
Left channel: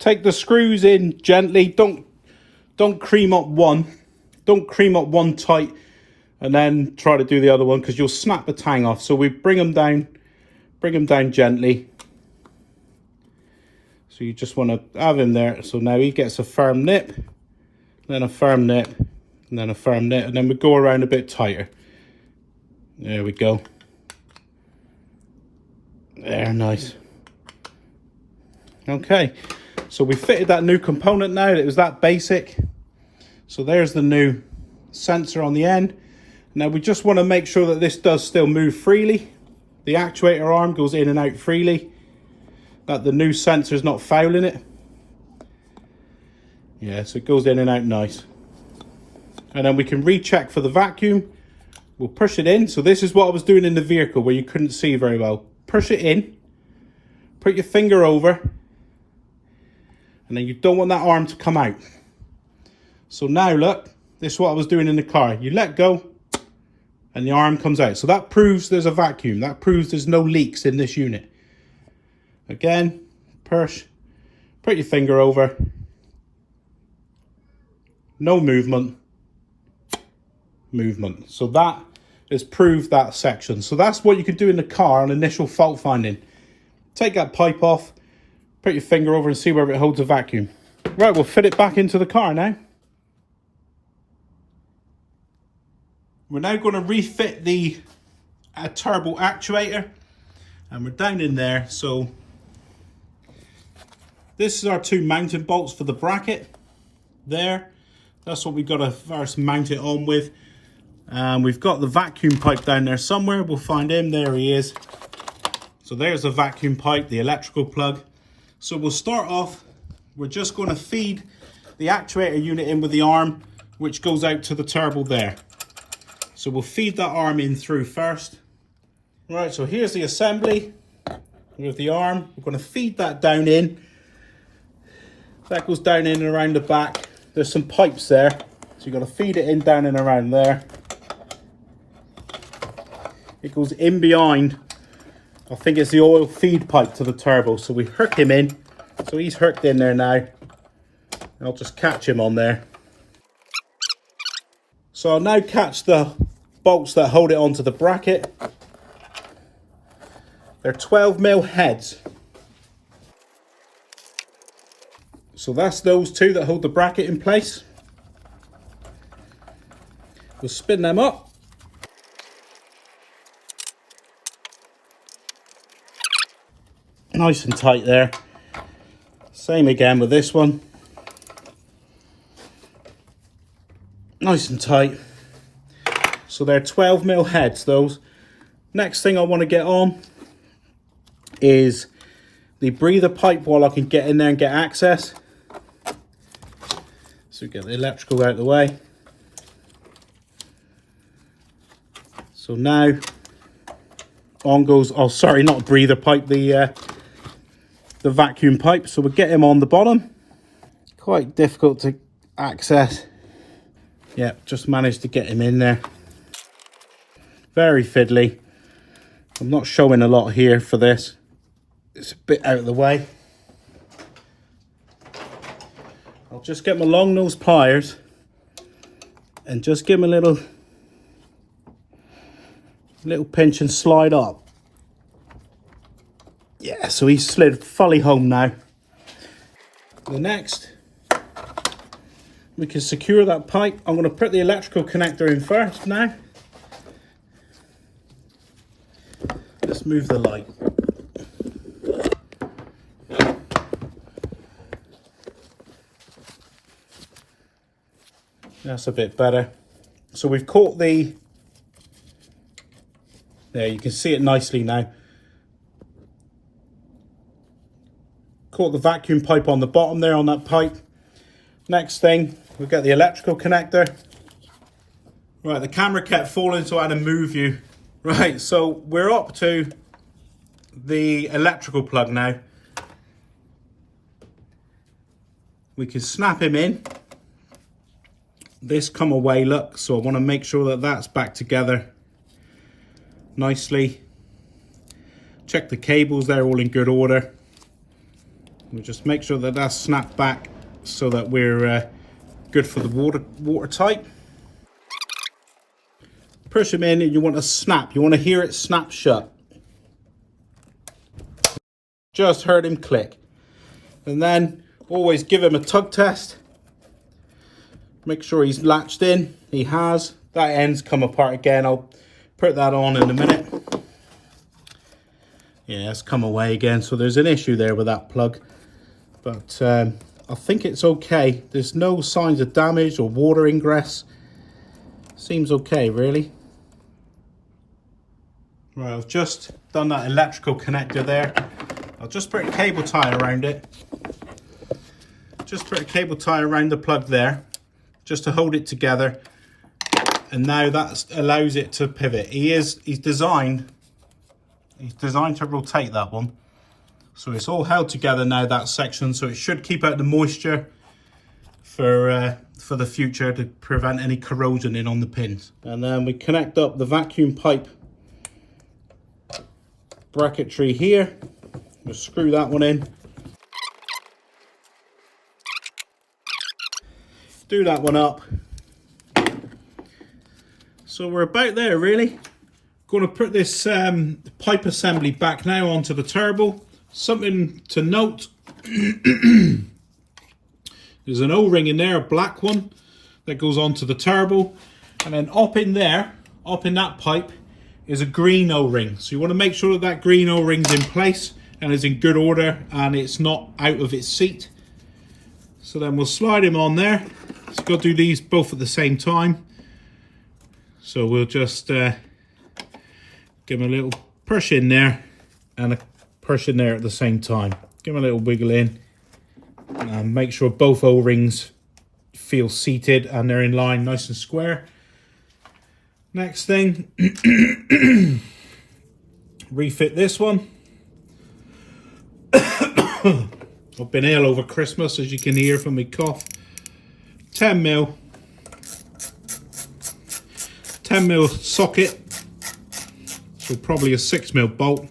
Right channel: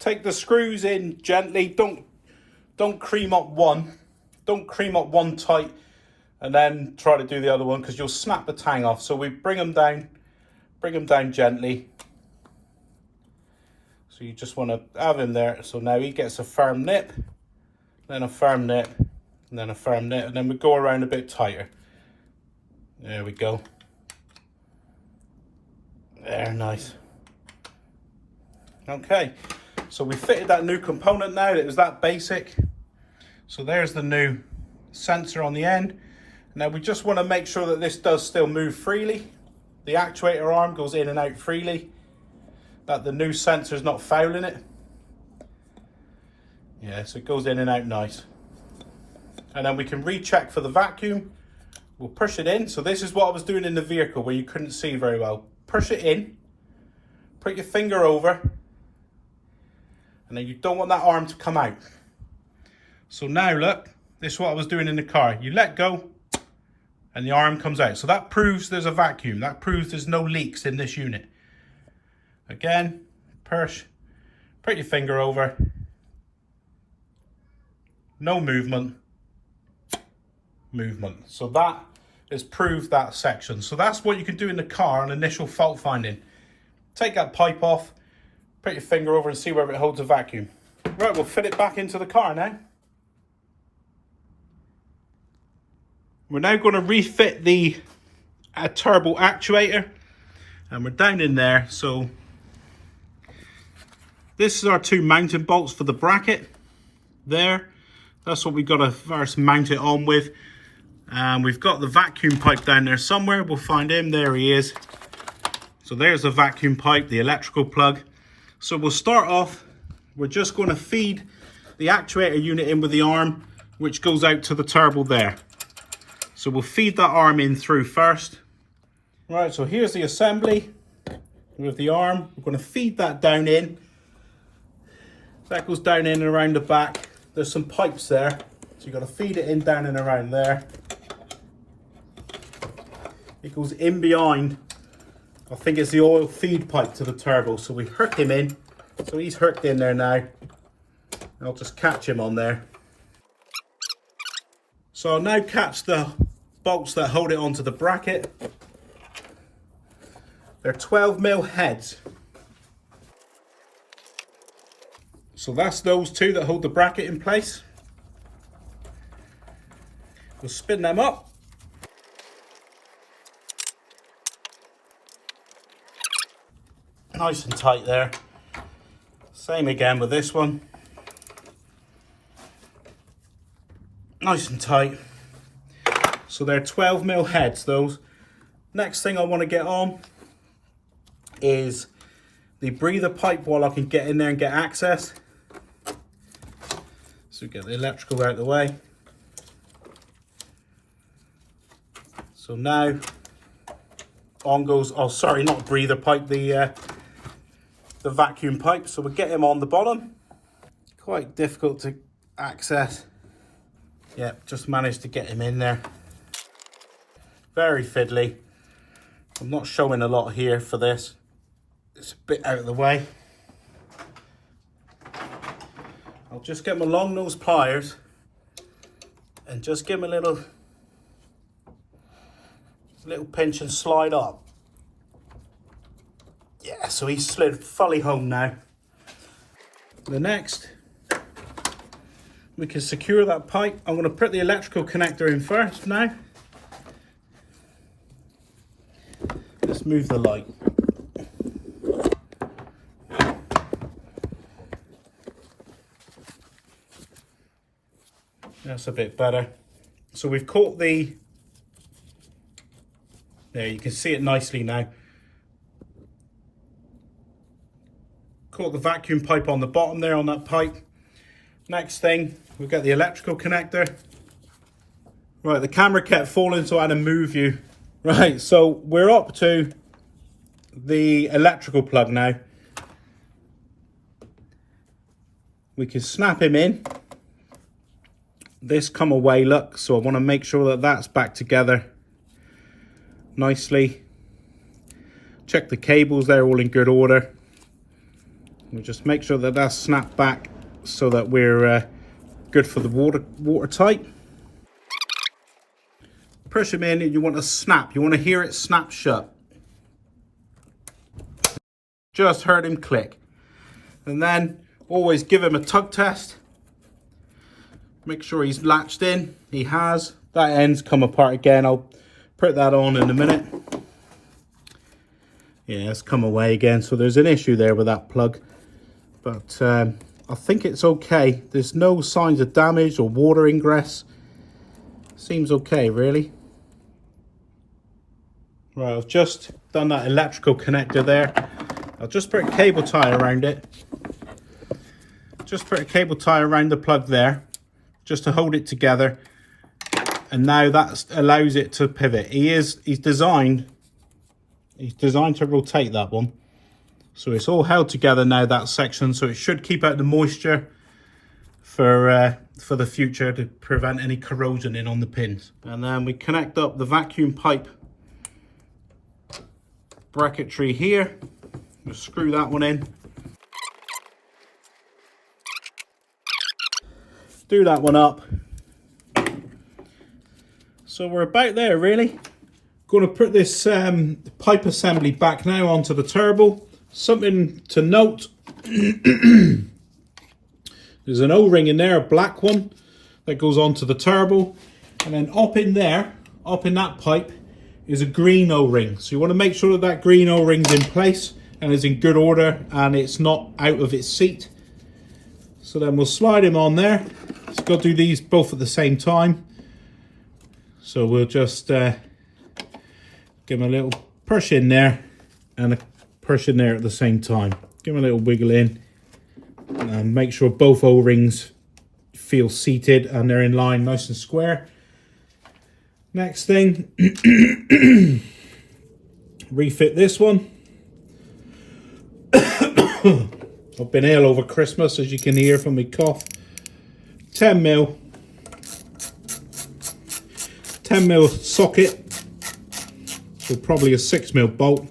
Take the screws in gently. Don't cream up one. Don't cream up one tight and then try to do the other one, because you'll snap the tang off. So we bring them down gently. So you just want to have him there. So now he gets a firm nip, then a firm nip, and then a firm nip, and then we go around a bit tighter. There we go. There, nice. Okay, so we fitted that new component now. It was that basic. So there's the new sensor on the end. Now we just want to make sure that this does still move freely. The actuator arm goes in and out freely. that the new sensor is not fouling it. Yeah, so it goes in and out nice. And then we can recheck for the vacuum. We'll push it in. So this is what I was doing in the vehicle where you couldn't see very well. Push it in, put your finger over, and then you don't want that arm to come out. So now look, this is what I was doing in the car. You let go and the arm comes out. So that proves there's a vacuum. That proves there's no leaks in this unit. Again, push, put your finger over, no movement, movement. So that has proved that section. So that's what you can do in the car on initial fault finding. Take that pipe off, put your finger over and see whether it holds a vacuum. Right, we'll fit it back into the car now. We're now going to refit the turbo actuator, and we're down in there. So this is our two mounting bolts for the bracket there. That's what we've got to first mount it on with. And we've got the vacuum pipe down there somewhere. We'll find him. There he is. So there's the vacuum pipe, the electrical plug. So we'll start off. We're just going to feed the actuator unit in with the arm, which goes out to the turbo there. So we'll feed that arm in through first. Right, so here's the assembly with the arm. We're going to feed that down in. That goes down in and around the back. There's some pipes there. So you've got to feed it in down and around there. It goes in behind. I think it's the oil feed pipe to the turbo. So we hook him in. So he's hooked in there now. I'll just catch him on there. So I'll now catch the bolts that hold it onto the bracket. They're 12mm heads. So that's those two that hold the bracket in place. We'll spin them up. Nice and tight there. Same again with this one. Nice and tight. So they're 12mm heads, those. Next thing I want to get on is the breather pipe while I can get in there and get access. So get the electrical out of the way. So now on goes, oh sorry, not a breather pipe, the vacuum pipe. So we'll get him on the bottom. Quite difficult to access. Yeah, just managed to get him in there. Very fiddly. I'm not showing a lot here for this. It's a bit out of the way. I'll just get my long nose pliers and just give him a little pinch and slide up. Yeah, so he's slid fully home now. The next, we can secure that pipe. I'm going to put the electrical connector in first now. Let's move the light. That's a bit better. So we've caught the, there you can see it nicely now. Caught the vacuum pipe on the bottom there on that pipe. Next thing, we've got the electrical connector. Right, the camera kept falling, so I had to move you. Right, so we're up to the electrical plug now. We can snap him in. This come away, look, so I want to make sure that that's back together nicely. Check the cables, they're all in good order. We'll just make sure that that's snapped back so that we're good for the watertight. Push them in and you want to snap. You want to hear it snap shut. Just heard him click. And then always give him a tug test. Make sure he's latched in. He has. That end's come apart again. I'll put that on in a minute. Yeah, it's come away again. So there's an issue there with that plug. But I think it's okay. There's no signs of damage or water ingress. Seems okay, really. Right, I've just done that electrical connector there. I'll just put a cable tie around it. Just put a cable tie around the plug there, just to hold it together. And now that allows it to pivot. He's designed to rotate that one. So it's all held together now, that section, so it should keep out the moisture for the future to prevent any corrosion in on the pins. And then we connect up the vacuum pipe bracketry here. We'll screw that one in. Do that one up. So we're about there really. Going to put this pipe assembly back now onto the turbo. Something to note. There's an O-ring in there, a black one, that goes onto the turbo. And then up in there, up in that pipe, is a green O-ring. So you want to make sure that that green O-ring's in place and is in good order and it's not out of its seat. So then we'll slide him on there. So got to do these both at the same time. So we'll just give him a little push in there and a push in there at the same time. Give him a little wiggle in. And make sure both O-rings feel seated and they're in line nice and square. Next thing, refit this one. I've been ill over Christmas, as you can hear from my cough. 10mm socket, so probably a 6mm bolt.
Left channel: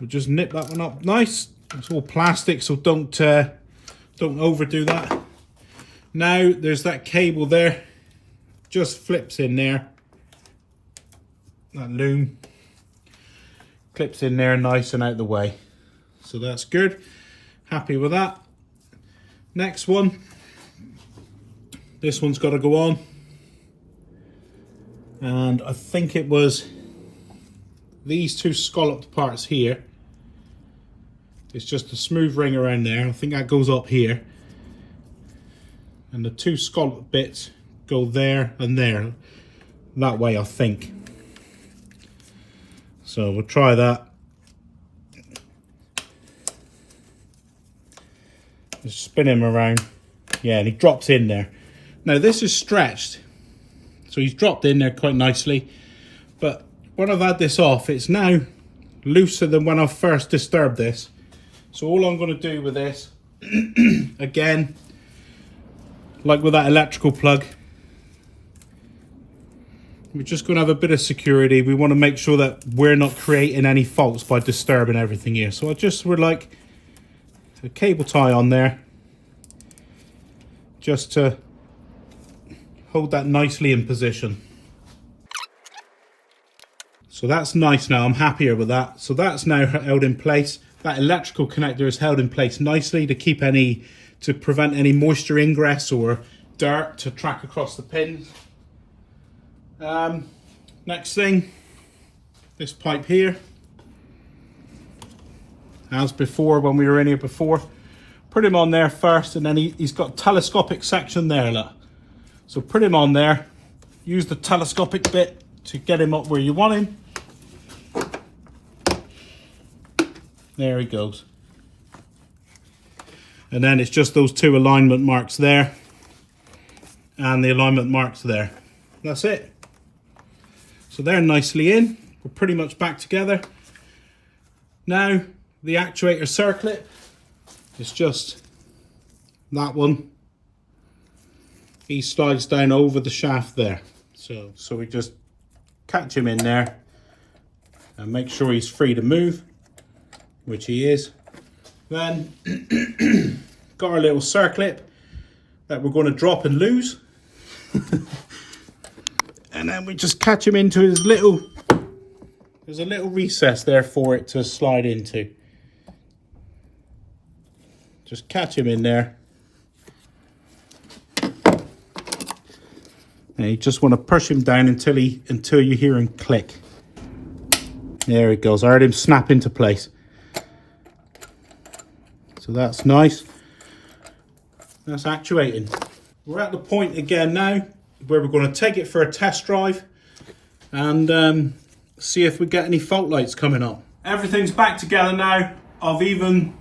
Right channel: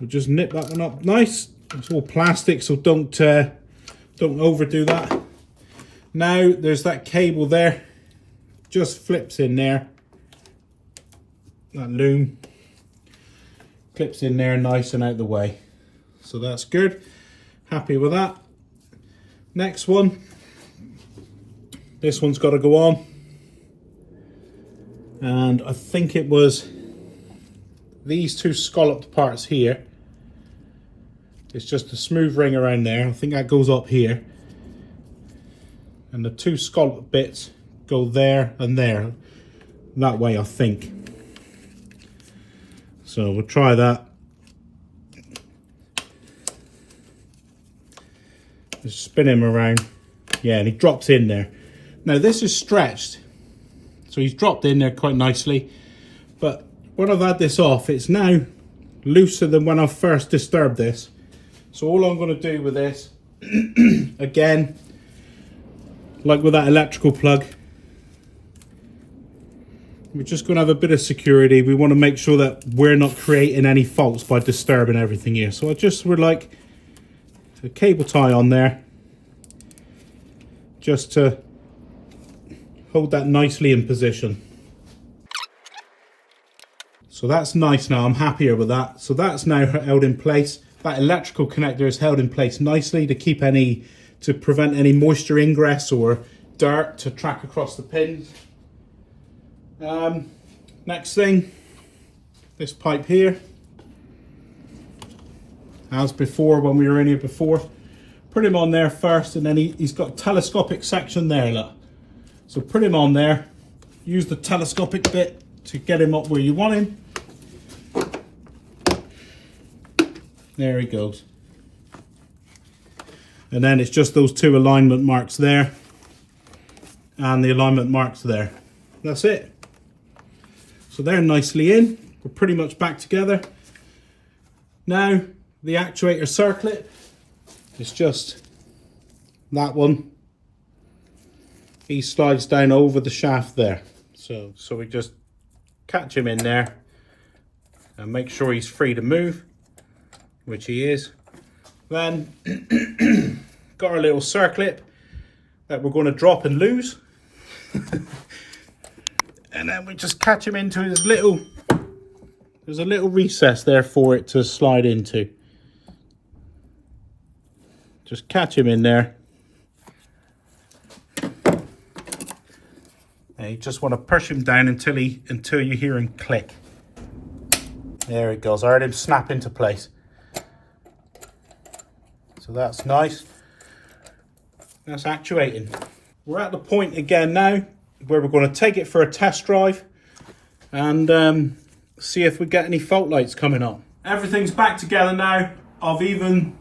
We'll just nip that one up nice. It's all plastic, so don't overdo that. Now there's that cable there, just flips in there. That loom clips in there nice and out the way. So that's good. Happy with that. Next one. This one's got to go on. And I think it was these two scalloped parts here. It's just a smooth ring around there. I think that goes up here. And the two scalloped bits go there and there. That way, I think. So we'll try that. Just spin him around. Yeah, and he drops in there. Now this is stretched. So he's dropped in there quite nicely. But when I've had this off, it's now looser than when I first disturbed this. So all I'm going to do with this, again, like with that electrical plug, we're just going to have a bit of security. We want to make sure that we're not creating any faults by disturbing everything here. So I just would like a cable tie on there, just to hold that nicely in position. So that's nice now, I'm happier with that. So that's now held in place. That electrical connector is held in place nicely to prevent any moisture ingress or dirt to track across the pins. Next thing, this pipe here. As before, when we were in here before, put him on there first, and then he's got a telescopic section there, look. So put him on there, use the telescopic bit to get him up where you want him. There he goes. And then it's just those two alignment marks there and the alignment marks there. That's it. So they're nicely in. We're pretty much back together. Now the actuator circlip is just that one. He slides down over the shaft there. So we just catch him in there and make sure he's free to move, which he is. Then got our little circlip that we're going to drop and lose. And then we just catch him into his little, there's a little recess there for it to slide into. Just catch him in there. And you just want to push him down until you hear him click. There it goes. I heard him snap into place. So that's nice. That's actuating. We're at the point again now where we're going to take it for a test drive and see if we get any fault lights coming up. Everything's back together now. I've even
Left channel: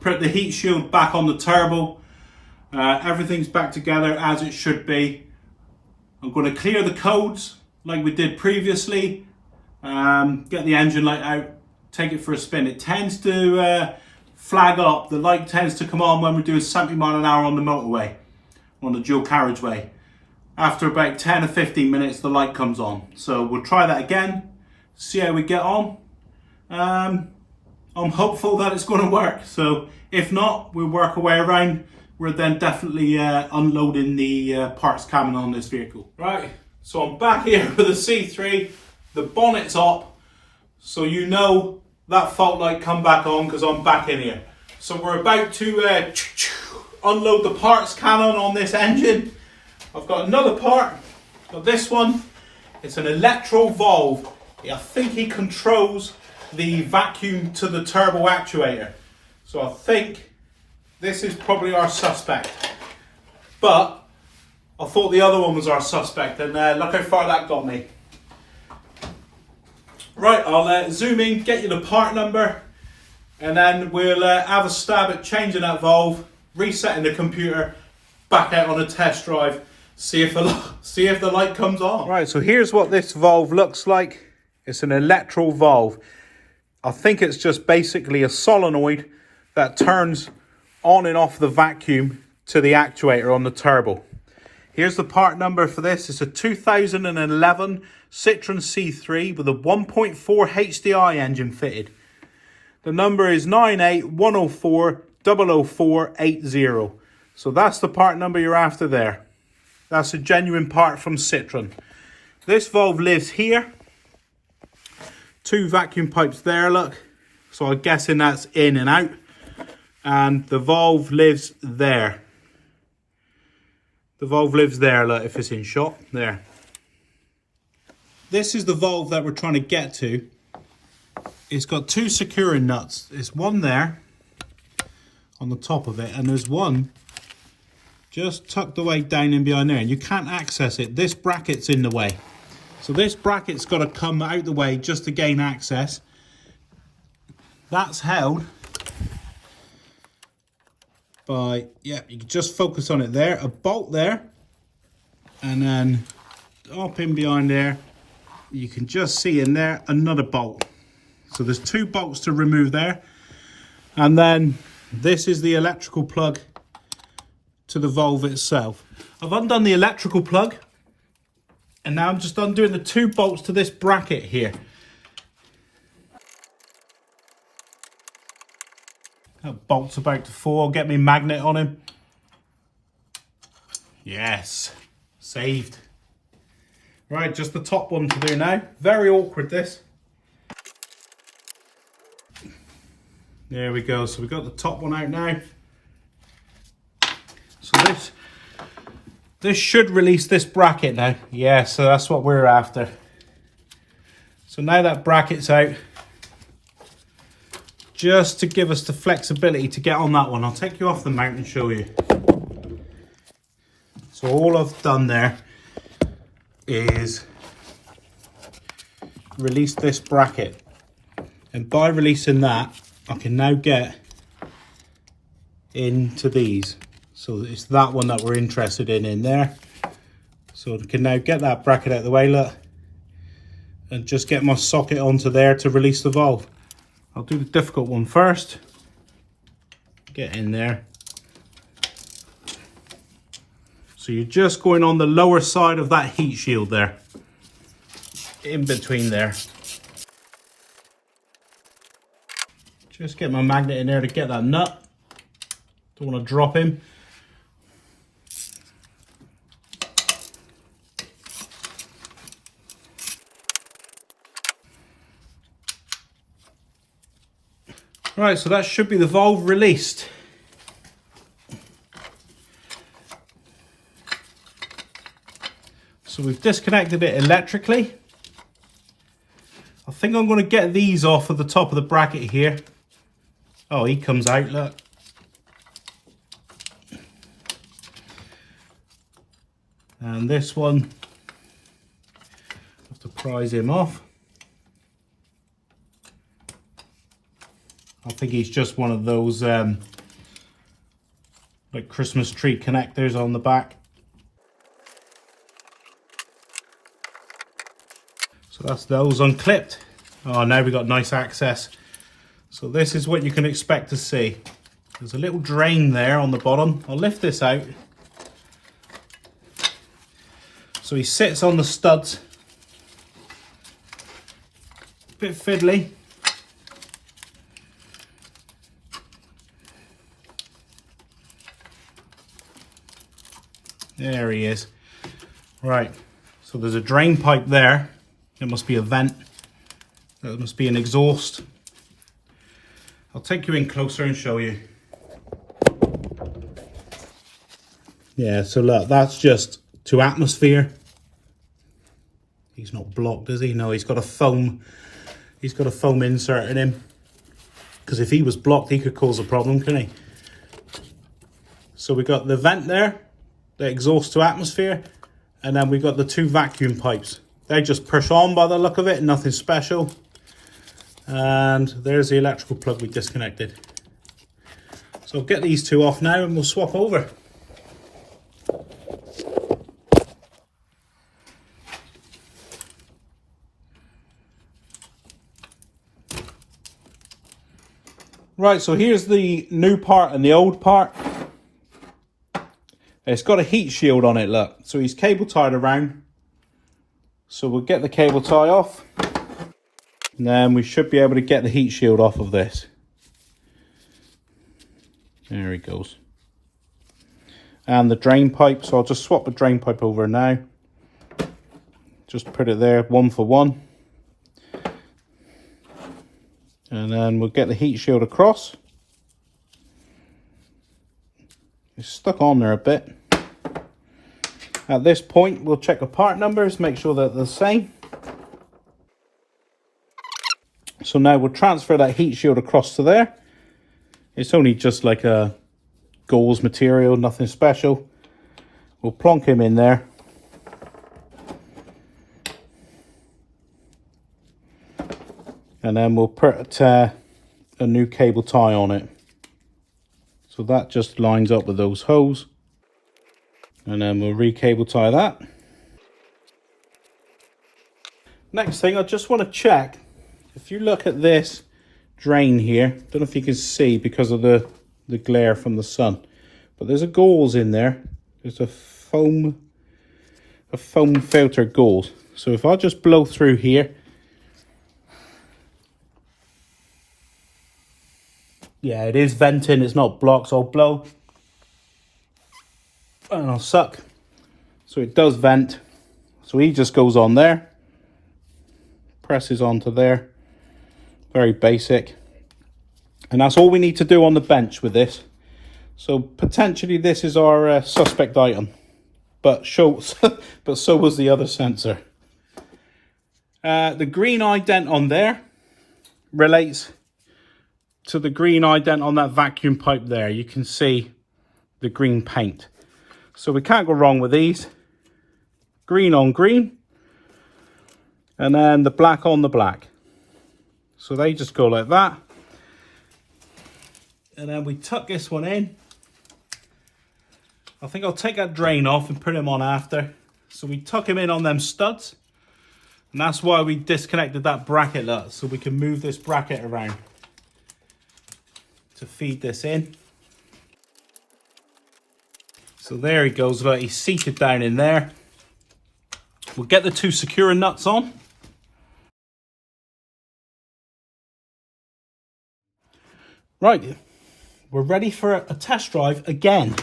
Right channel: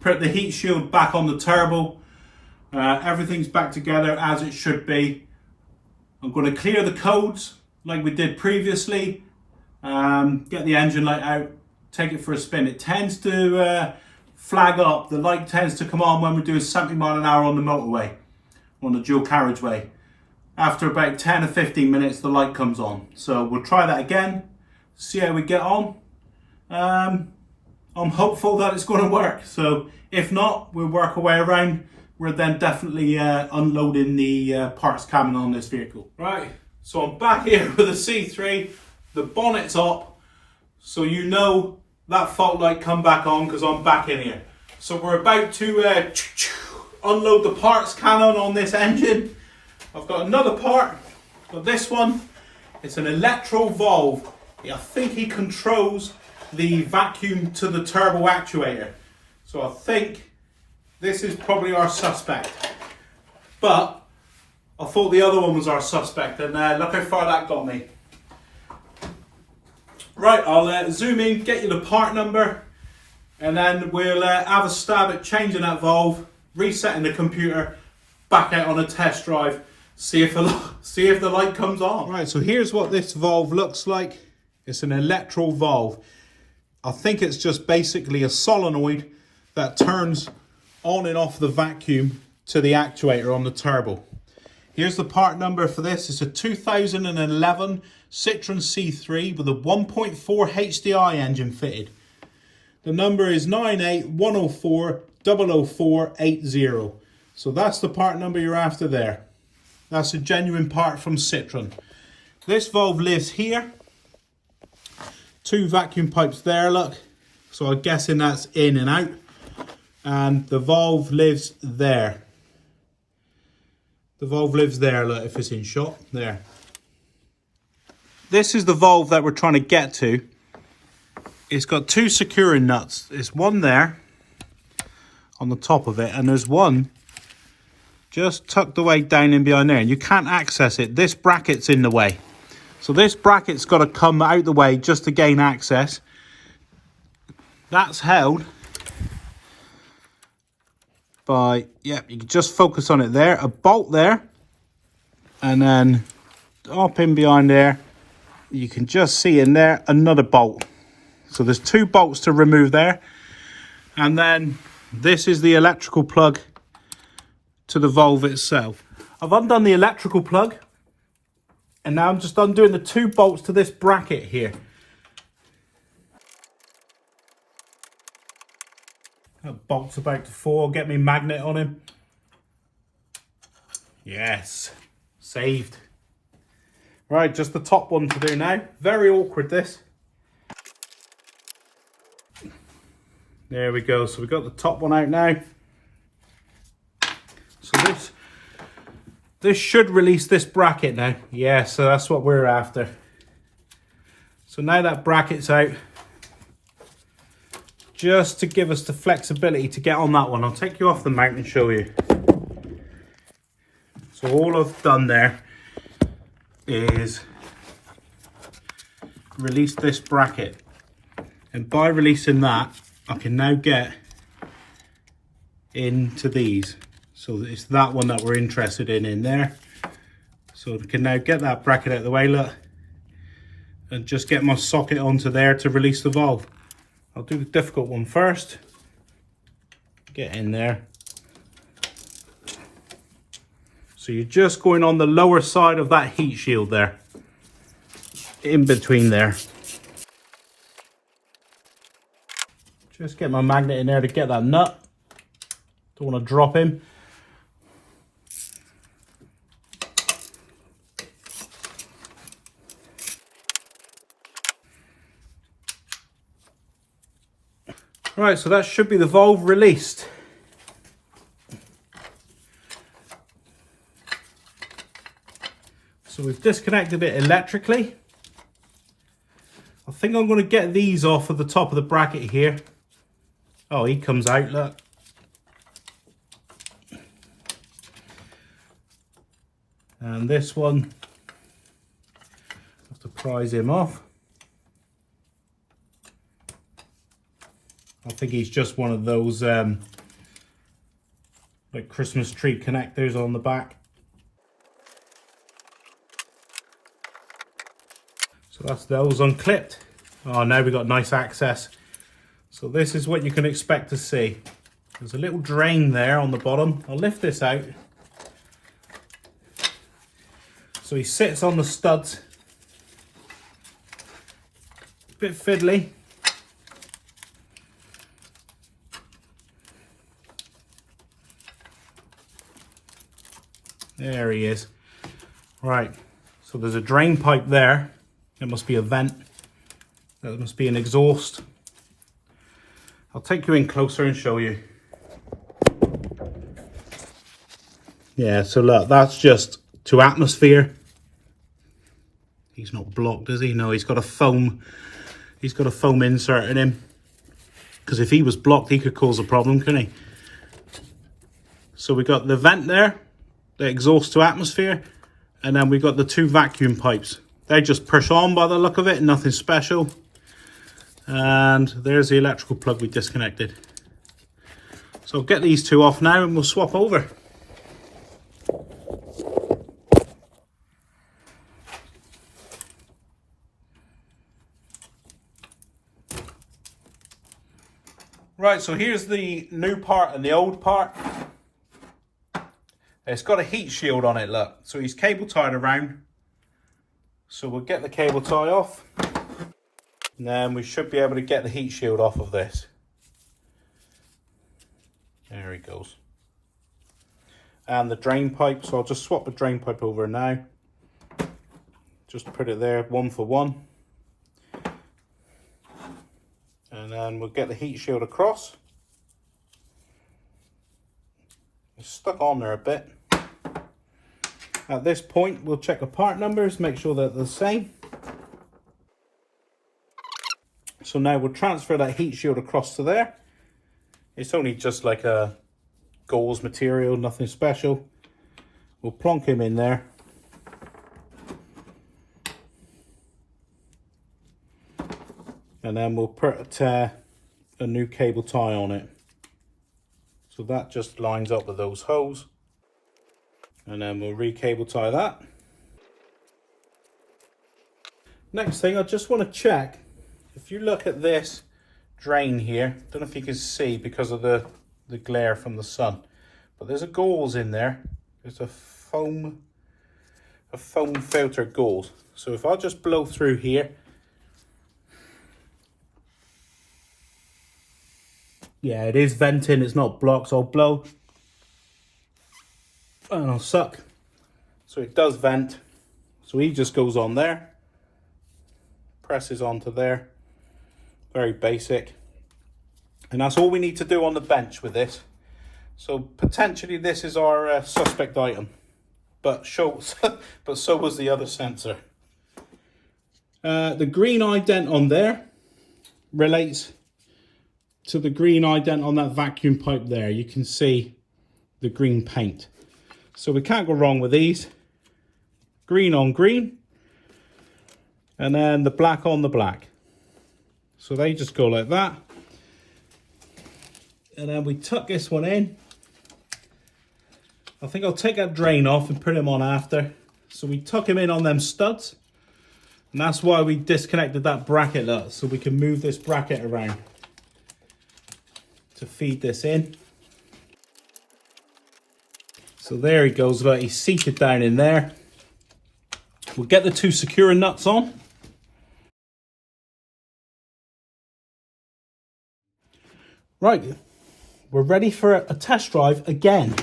put the heat shield back on the turbo. Everything's back together as it should be. I'm going to clear the codes like we did previously. Get the engine light out, take it for a spin. It tends to flag up. The light tends to come on when we're doing 70 mile an hour on the motorway, on the dual carriageway. After about 10 or 15 minutes, the light comes on. So we'll try that again, see how we get on. I'm hopeful that it's going to work. So if not, we'll work our way around. We're then definitely unloading the parts coming on this vehicle. Right, so I'm back here with the C3. The bonnet's up, so you know that fault light come back on because I'm back in here. So we're about to unload the parts cannon on this engine. I've got another part, got this one. It's an electro valve. I think he controls the vacuum to the turbo actuator. So I think this is probably our suspect. But I thought the other one was our suspect, and look how far that got me. Right, I'll zoom in, get you the part number, and then we'll have a stab at changing that valve, resetting the computer, back out on a test drive, see if the light comes on. Right, so here's what this valve looks like. It's an electro valve. I think it's just basically a solenoid that turns on and off the vacuum to the actuator on the turbo. Here's the part number for this. It's a 2011 Citroen C3 with a 1.4 HDI engine fitted. The number is 98104 00480. So that's the part number you're after there. That's a genuine part from Citroen. This valve lives here. 2 vacuum pipes there, look. So I'm guessing that's in and out. And the valve lives there. The valve lives there, look, if it's in shot, there. This is the valve that we're trying to get to. It's got 2 securing nuts. There's one there on the top of it, and there's one just tucked away down in behind there, and you can't access it. This bracket's in the way. So this bracket's got to come out the way just to gain access. That's held by, yeah, you can just focus on it there, a bolt there, and then up in behind there, you can just see in there another bolt. So there's 2 bolts to remove there, and then this is the electrical plug to the valve itself. I've undone the electrical plug, and now I'm just undoing the 2 bolts to this bracket here. That bolt's about to fall. Get me magnet on him. Yes, saved. Right, just the top one to do now. Very awkward, this. There we go. So we've got the top one out now. So this should release this bracket now. Yeah, so that's what we're after. So now that bracket's out, just to give us the flexibility to get on that one. I'll take you off the mount and show you. So all I've done there is release this bracket. And by releasing that, I can now get into these. So it's that one that we're interested in there. So I can now get that bracket out of the way, look. And just get my socket onto there to release the valve. I'll do the difficult one first. Get in there. So you're just going on the lower side of that heat shield there. In between there. Just get my magnet in there to get that nut. Don't want to drop him. Right, so that should be the valve released. So we've disconnected it electrically. I think I'm going to get these off of the top of the bracket here. Oh, he comes out, look. And this one, have to prise him off. I think he's just one of those like Christmas tree connectors on the back. So that's those unclipped. Oh, now we've got nice access. So this is what you can expect to see. There's a little drain there on the bottom. I'll lift this out. So he sits on the studs. Bit fiddly. There he is. Right, so there's a drain pipe there. It must be a vent. That must be an exhaust. I'll take you in closer and show you. Yeah, so look, that's just to atmosphere. He's not blocked, is he? No, he's got a foam insert in him. Because if he was blocked, he could cause a problem, couldn't he? So we got the vent there, the exhaust to atmosphere, and then we got the two vacuum pipes. They just push on by the look of it, nothing special. And there's the electrical plug we disconnected. So I'll get these two off now and we'll swap over. Right, so here's the new part and the old part. It's got a heat shield on it, look. So he's cable tied around. So we'll get the cable tie off. And then we should be able to get the heat shield off of this. There he goes. And the drain pipe, so I'll just swap the drain pipe over now. Just put it there, 1 for 1. And then we'll get the heat shield across. It's stuck on there a bit. At this point, we'll check the part numbers, make sure that they're the same. So now we'll transfer that heat shield across to there. It's only just like a gauze material, nothing special. We'll plonk him in there. And then we'll put a new cable tie on it. So that just lines up with those holes. And then we'll re-cable tie that. Next thing, I just want to check. If you look at this drain here, don't know if you can see because of the glare from the sun, but there's a gauze in there. There's a foam filter gauze. So if I just blow through here, yeah, it is venting, it's not blocked, so I'll blow and I'll suck. So it does vent. So he just goes on there, presses onto there, very basic. And that's all we need to do on the bench with this. So potentially this is our suspect item, but so was the other sensor. The green ident on there relates to the green ident on that vacuum pipe there. You can see the green paint. So we can't go wrong with these. Green on green. And then the black on the black. So they just go like that. And then we tuck this one in. I think I'll take that drain off and put him on after. So we tuck him in on them studs. And that's why we disconnected that bracket up, so we can move this bracket around to feed this in. So there he goes, right, he's seated down in there. We'll get the two securing nuts on. Right, we're ready for a test drive again.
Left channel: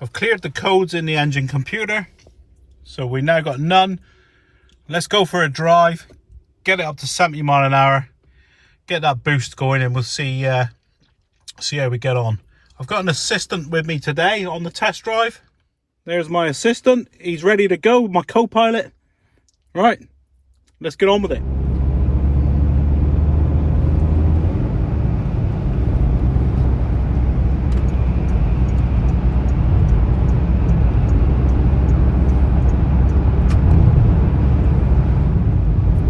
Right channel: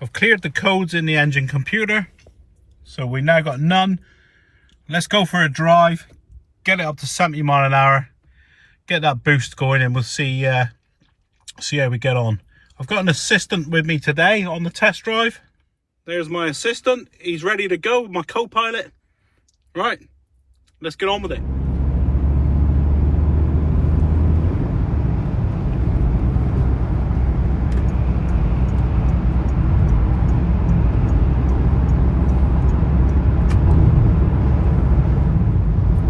I've cleared the codes in the engine computer, so we now got none. Let's go for a drive, get it up to 70 miles an hour, get that boost going, and we'll see how we get on. I've got an assistant with me today on the test drive. There's my assistant. He's ready to go, my co-pilot. All right, let's get on with it.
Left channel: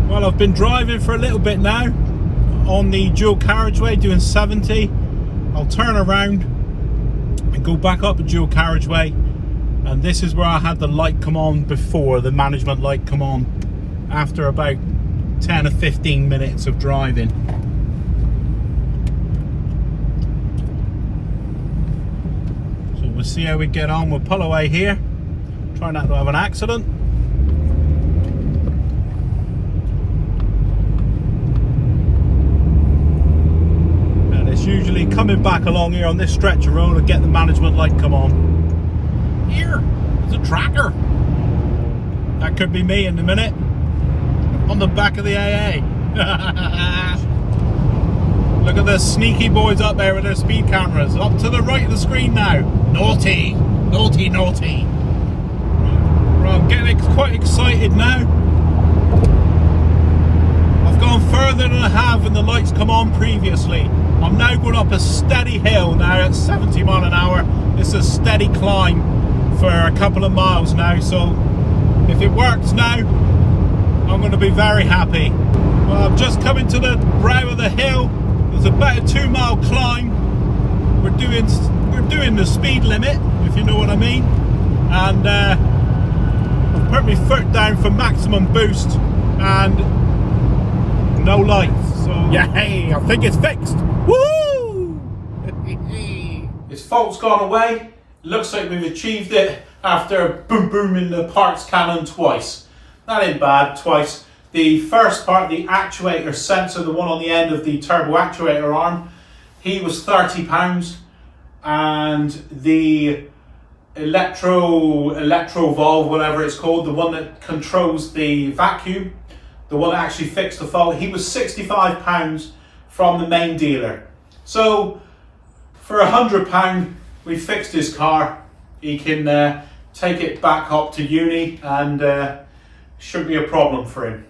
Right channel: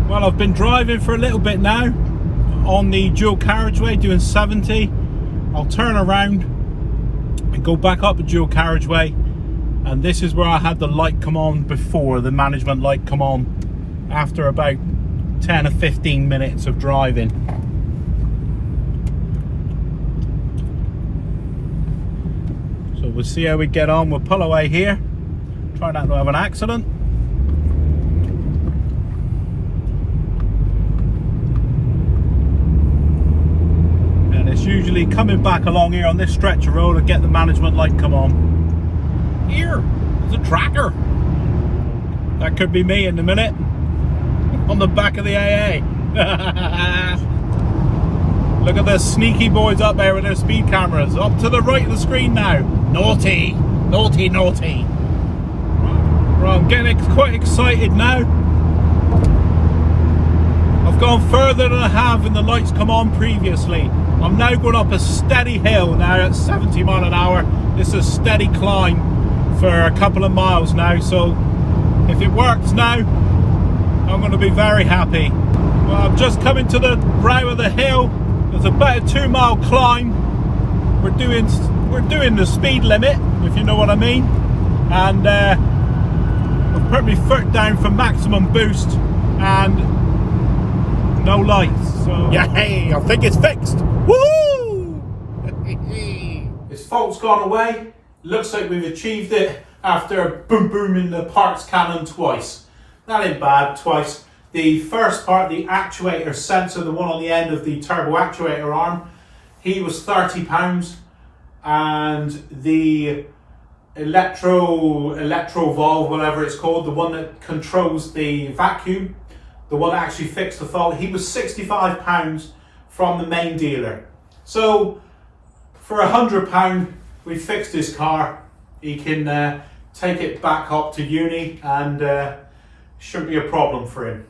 Well, I've been driving for a little bit now on the dual carriageway doing 70, I'll turn around and go back up the dual carriageway, and this is where I had the light come on before, the management light come on after about 10 or 15 minutes of driving. So we'll see how we get on. We'll pull away here, try not to have an accident. And it's usually coming back along here on this stretch of road to get the management light come on. Here, there's a tracker. That could be me in a minute. On the back of the AA. Look at the sneaky boys up there with their speed cameras. Up to the right of the screen now. Naughty, naughty, naughty. Right, I'm getting quite excited now. I've gone further than I have when the lights come on previously. I'm now going up a steady hill now at 70 miles an hour. It's a steady climb for a couple of miles now. So if it works now, I'm going to be very happy. Well, I'm just coming to the brow of the hill. There's about a 2-mile climb. We're doing the speed limit, if you know what I mean. And I've put my foot down for maximum boost and no lights. So yay! I think it's fixed. Woo! This fault's gone away. Looks like we've achieved it after boom booming the parts cannon twice. That ain't bad, twice. The first part, the actuator sensor, the one on the end of the turbo actuator arm, he was £30, and the electro valve, whatever it's called, the one that controls the vacuum, the one that actually fixed the fault, he was £65 from the main dealer. So for £100, we fixed his car. He can take it back up to uni, and shouldn't be a problem for him.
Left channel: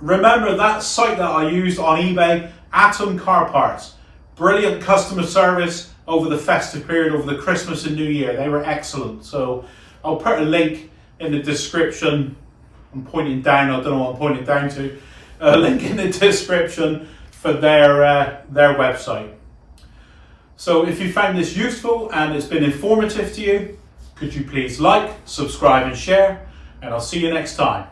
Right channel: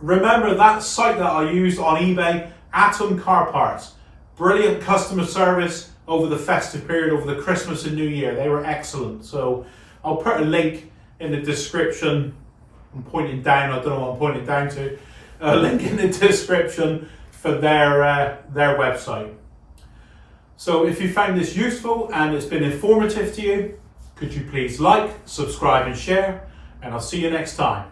Remember that site that I used on eBay, Atom Car Parts. Brilliant customer service over the festive period, over the Christmas and New Year. They were excellent. So I'll put a link in the description. I'm pointing down, I don't know what I'm pointing down to. A link in the description for their website. So if you found this useful and it's been informative to you, could you please like, subscribe and share, and I'll see you next time.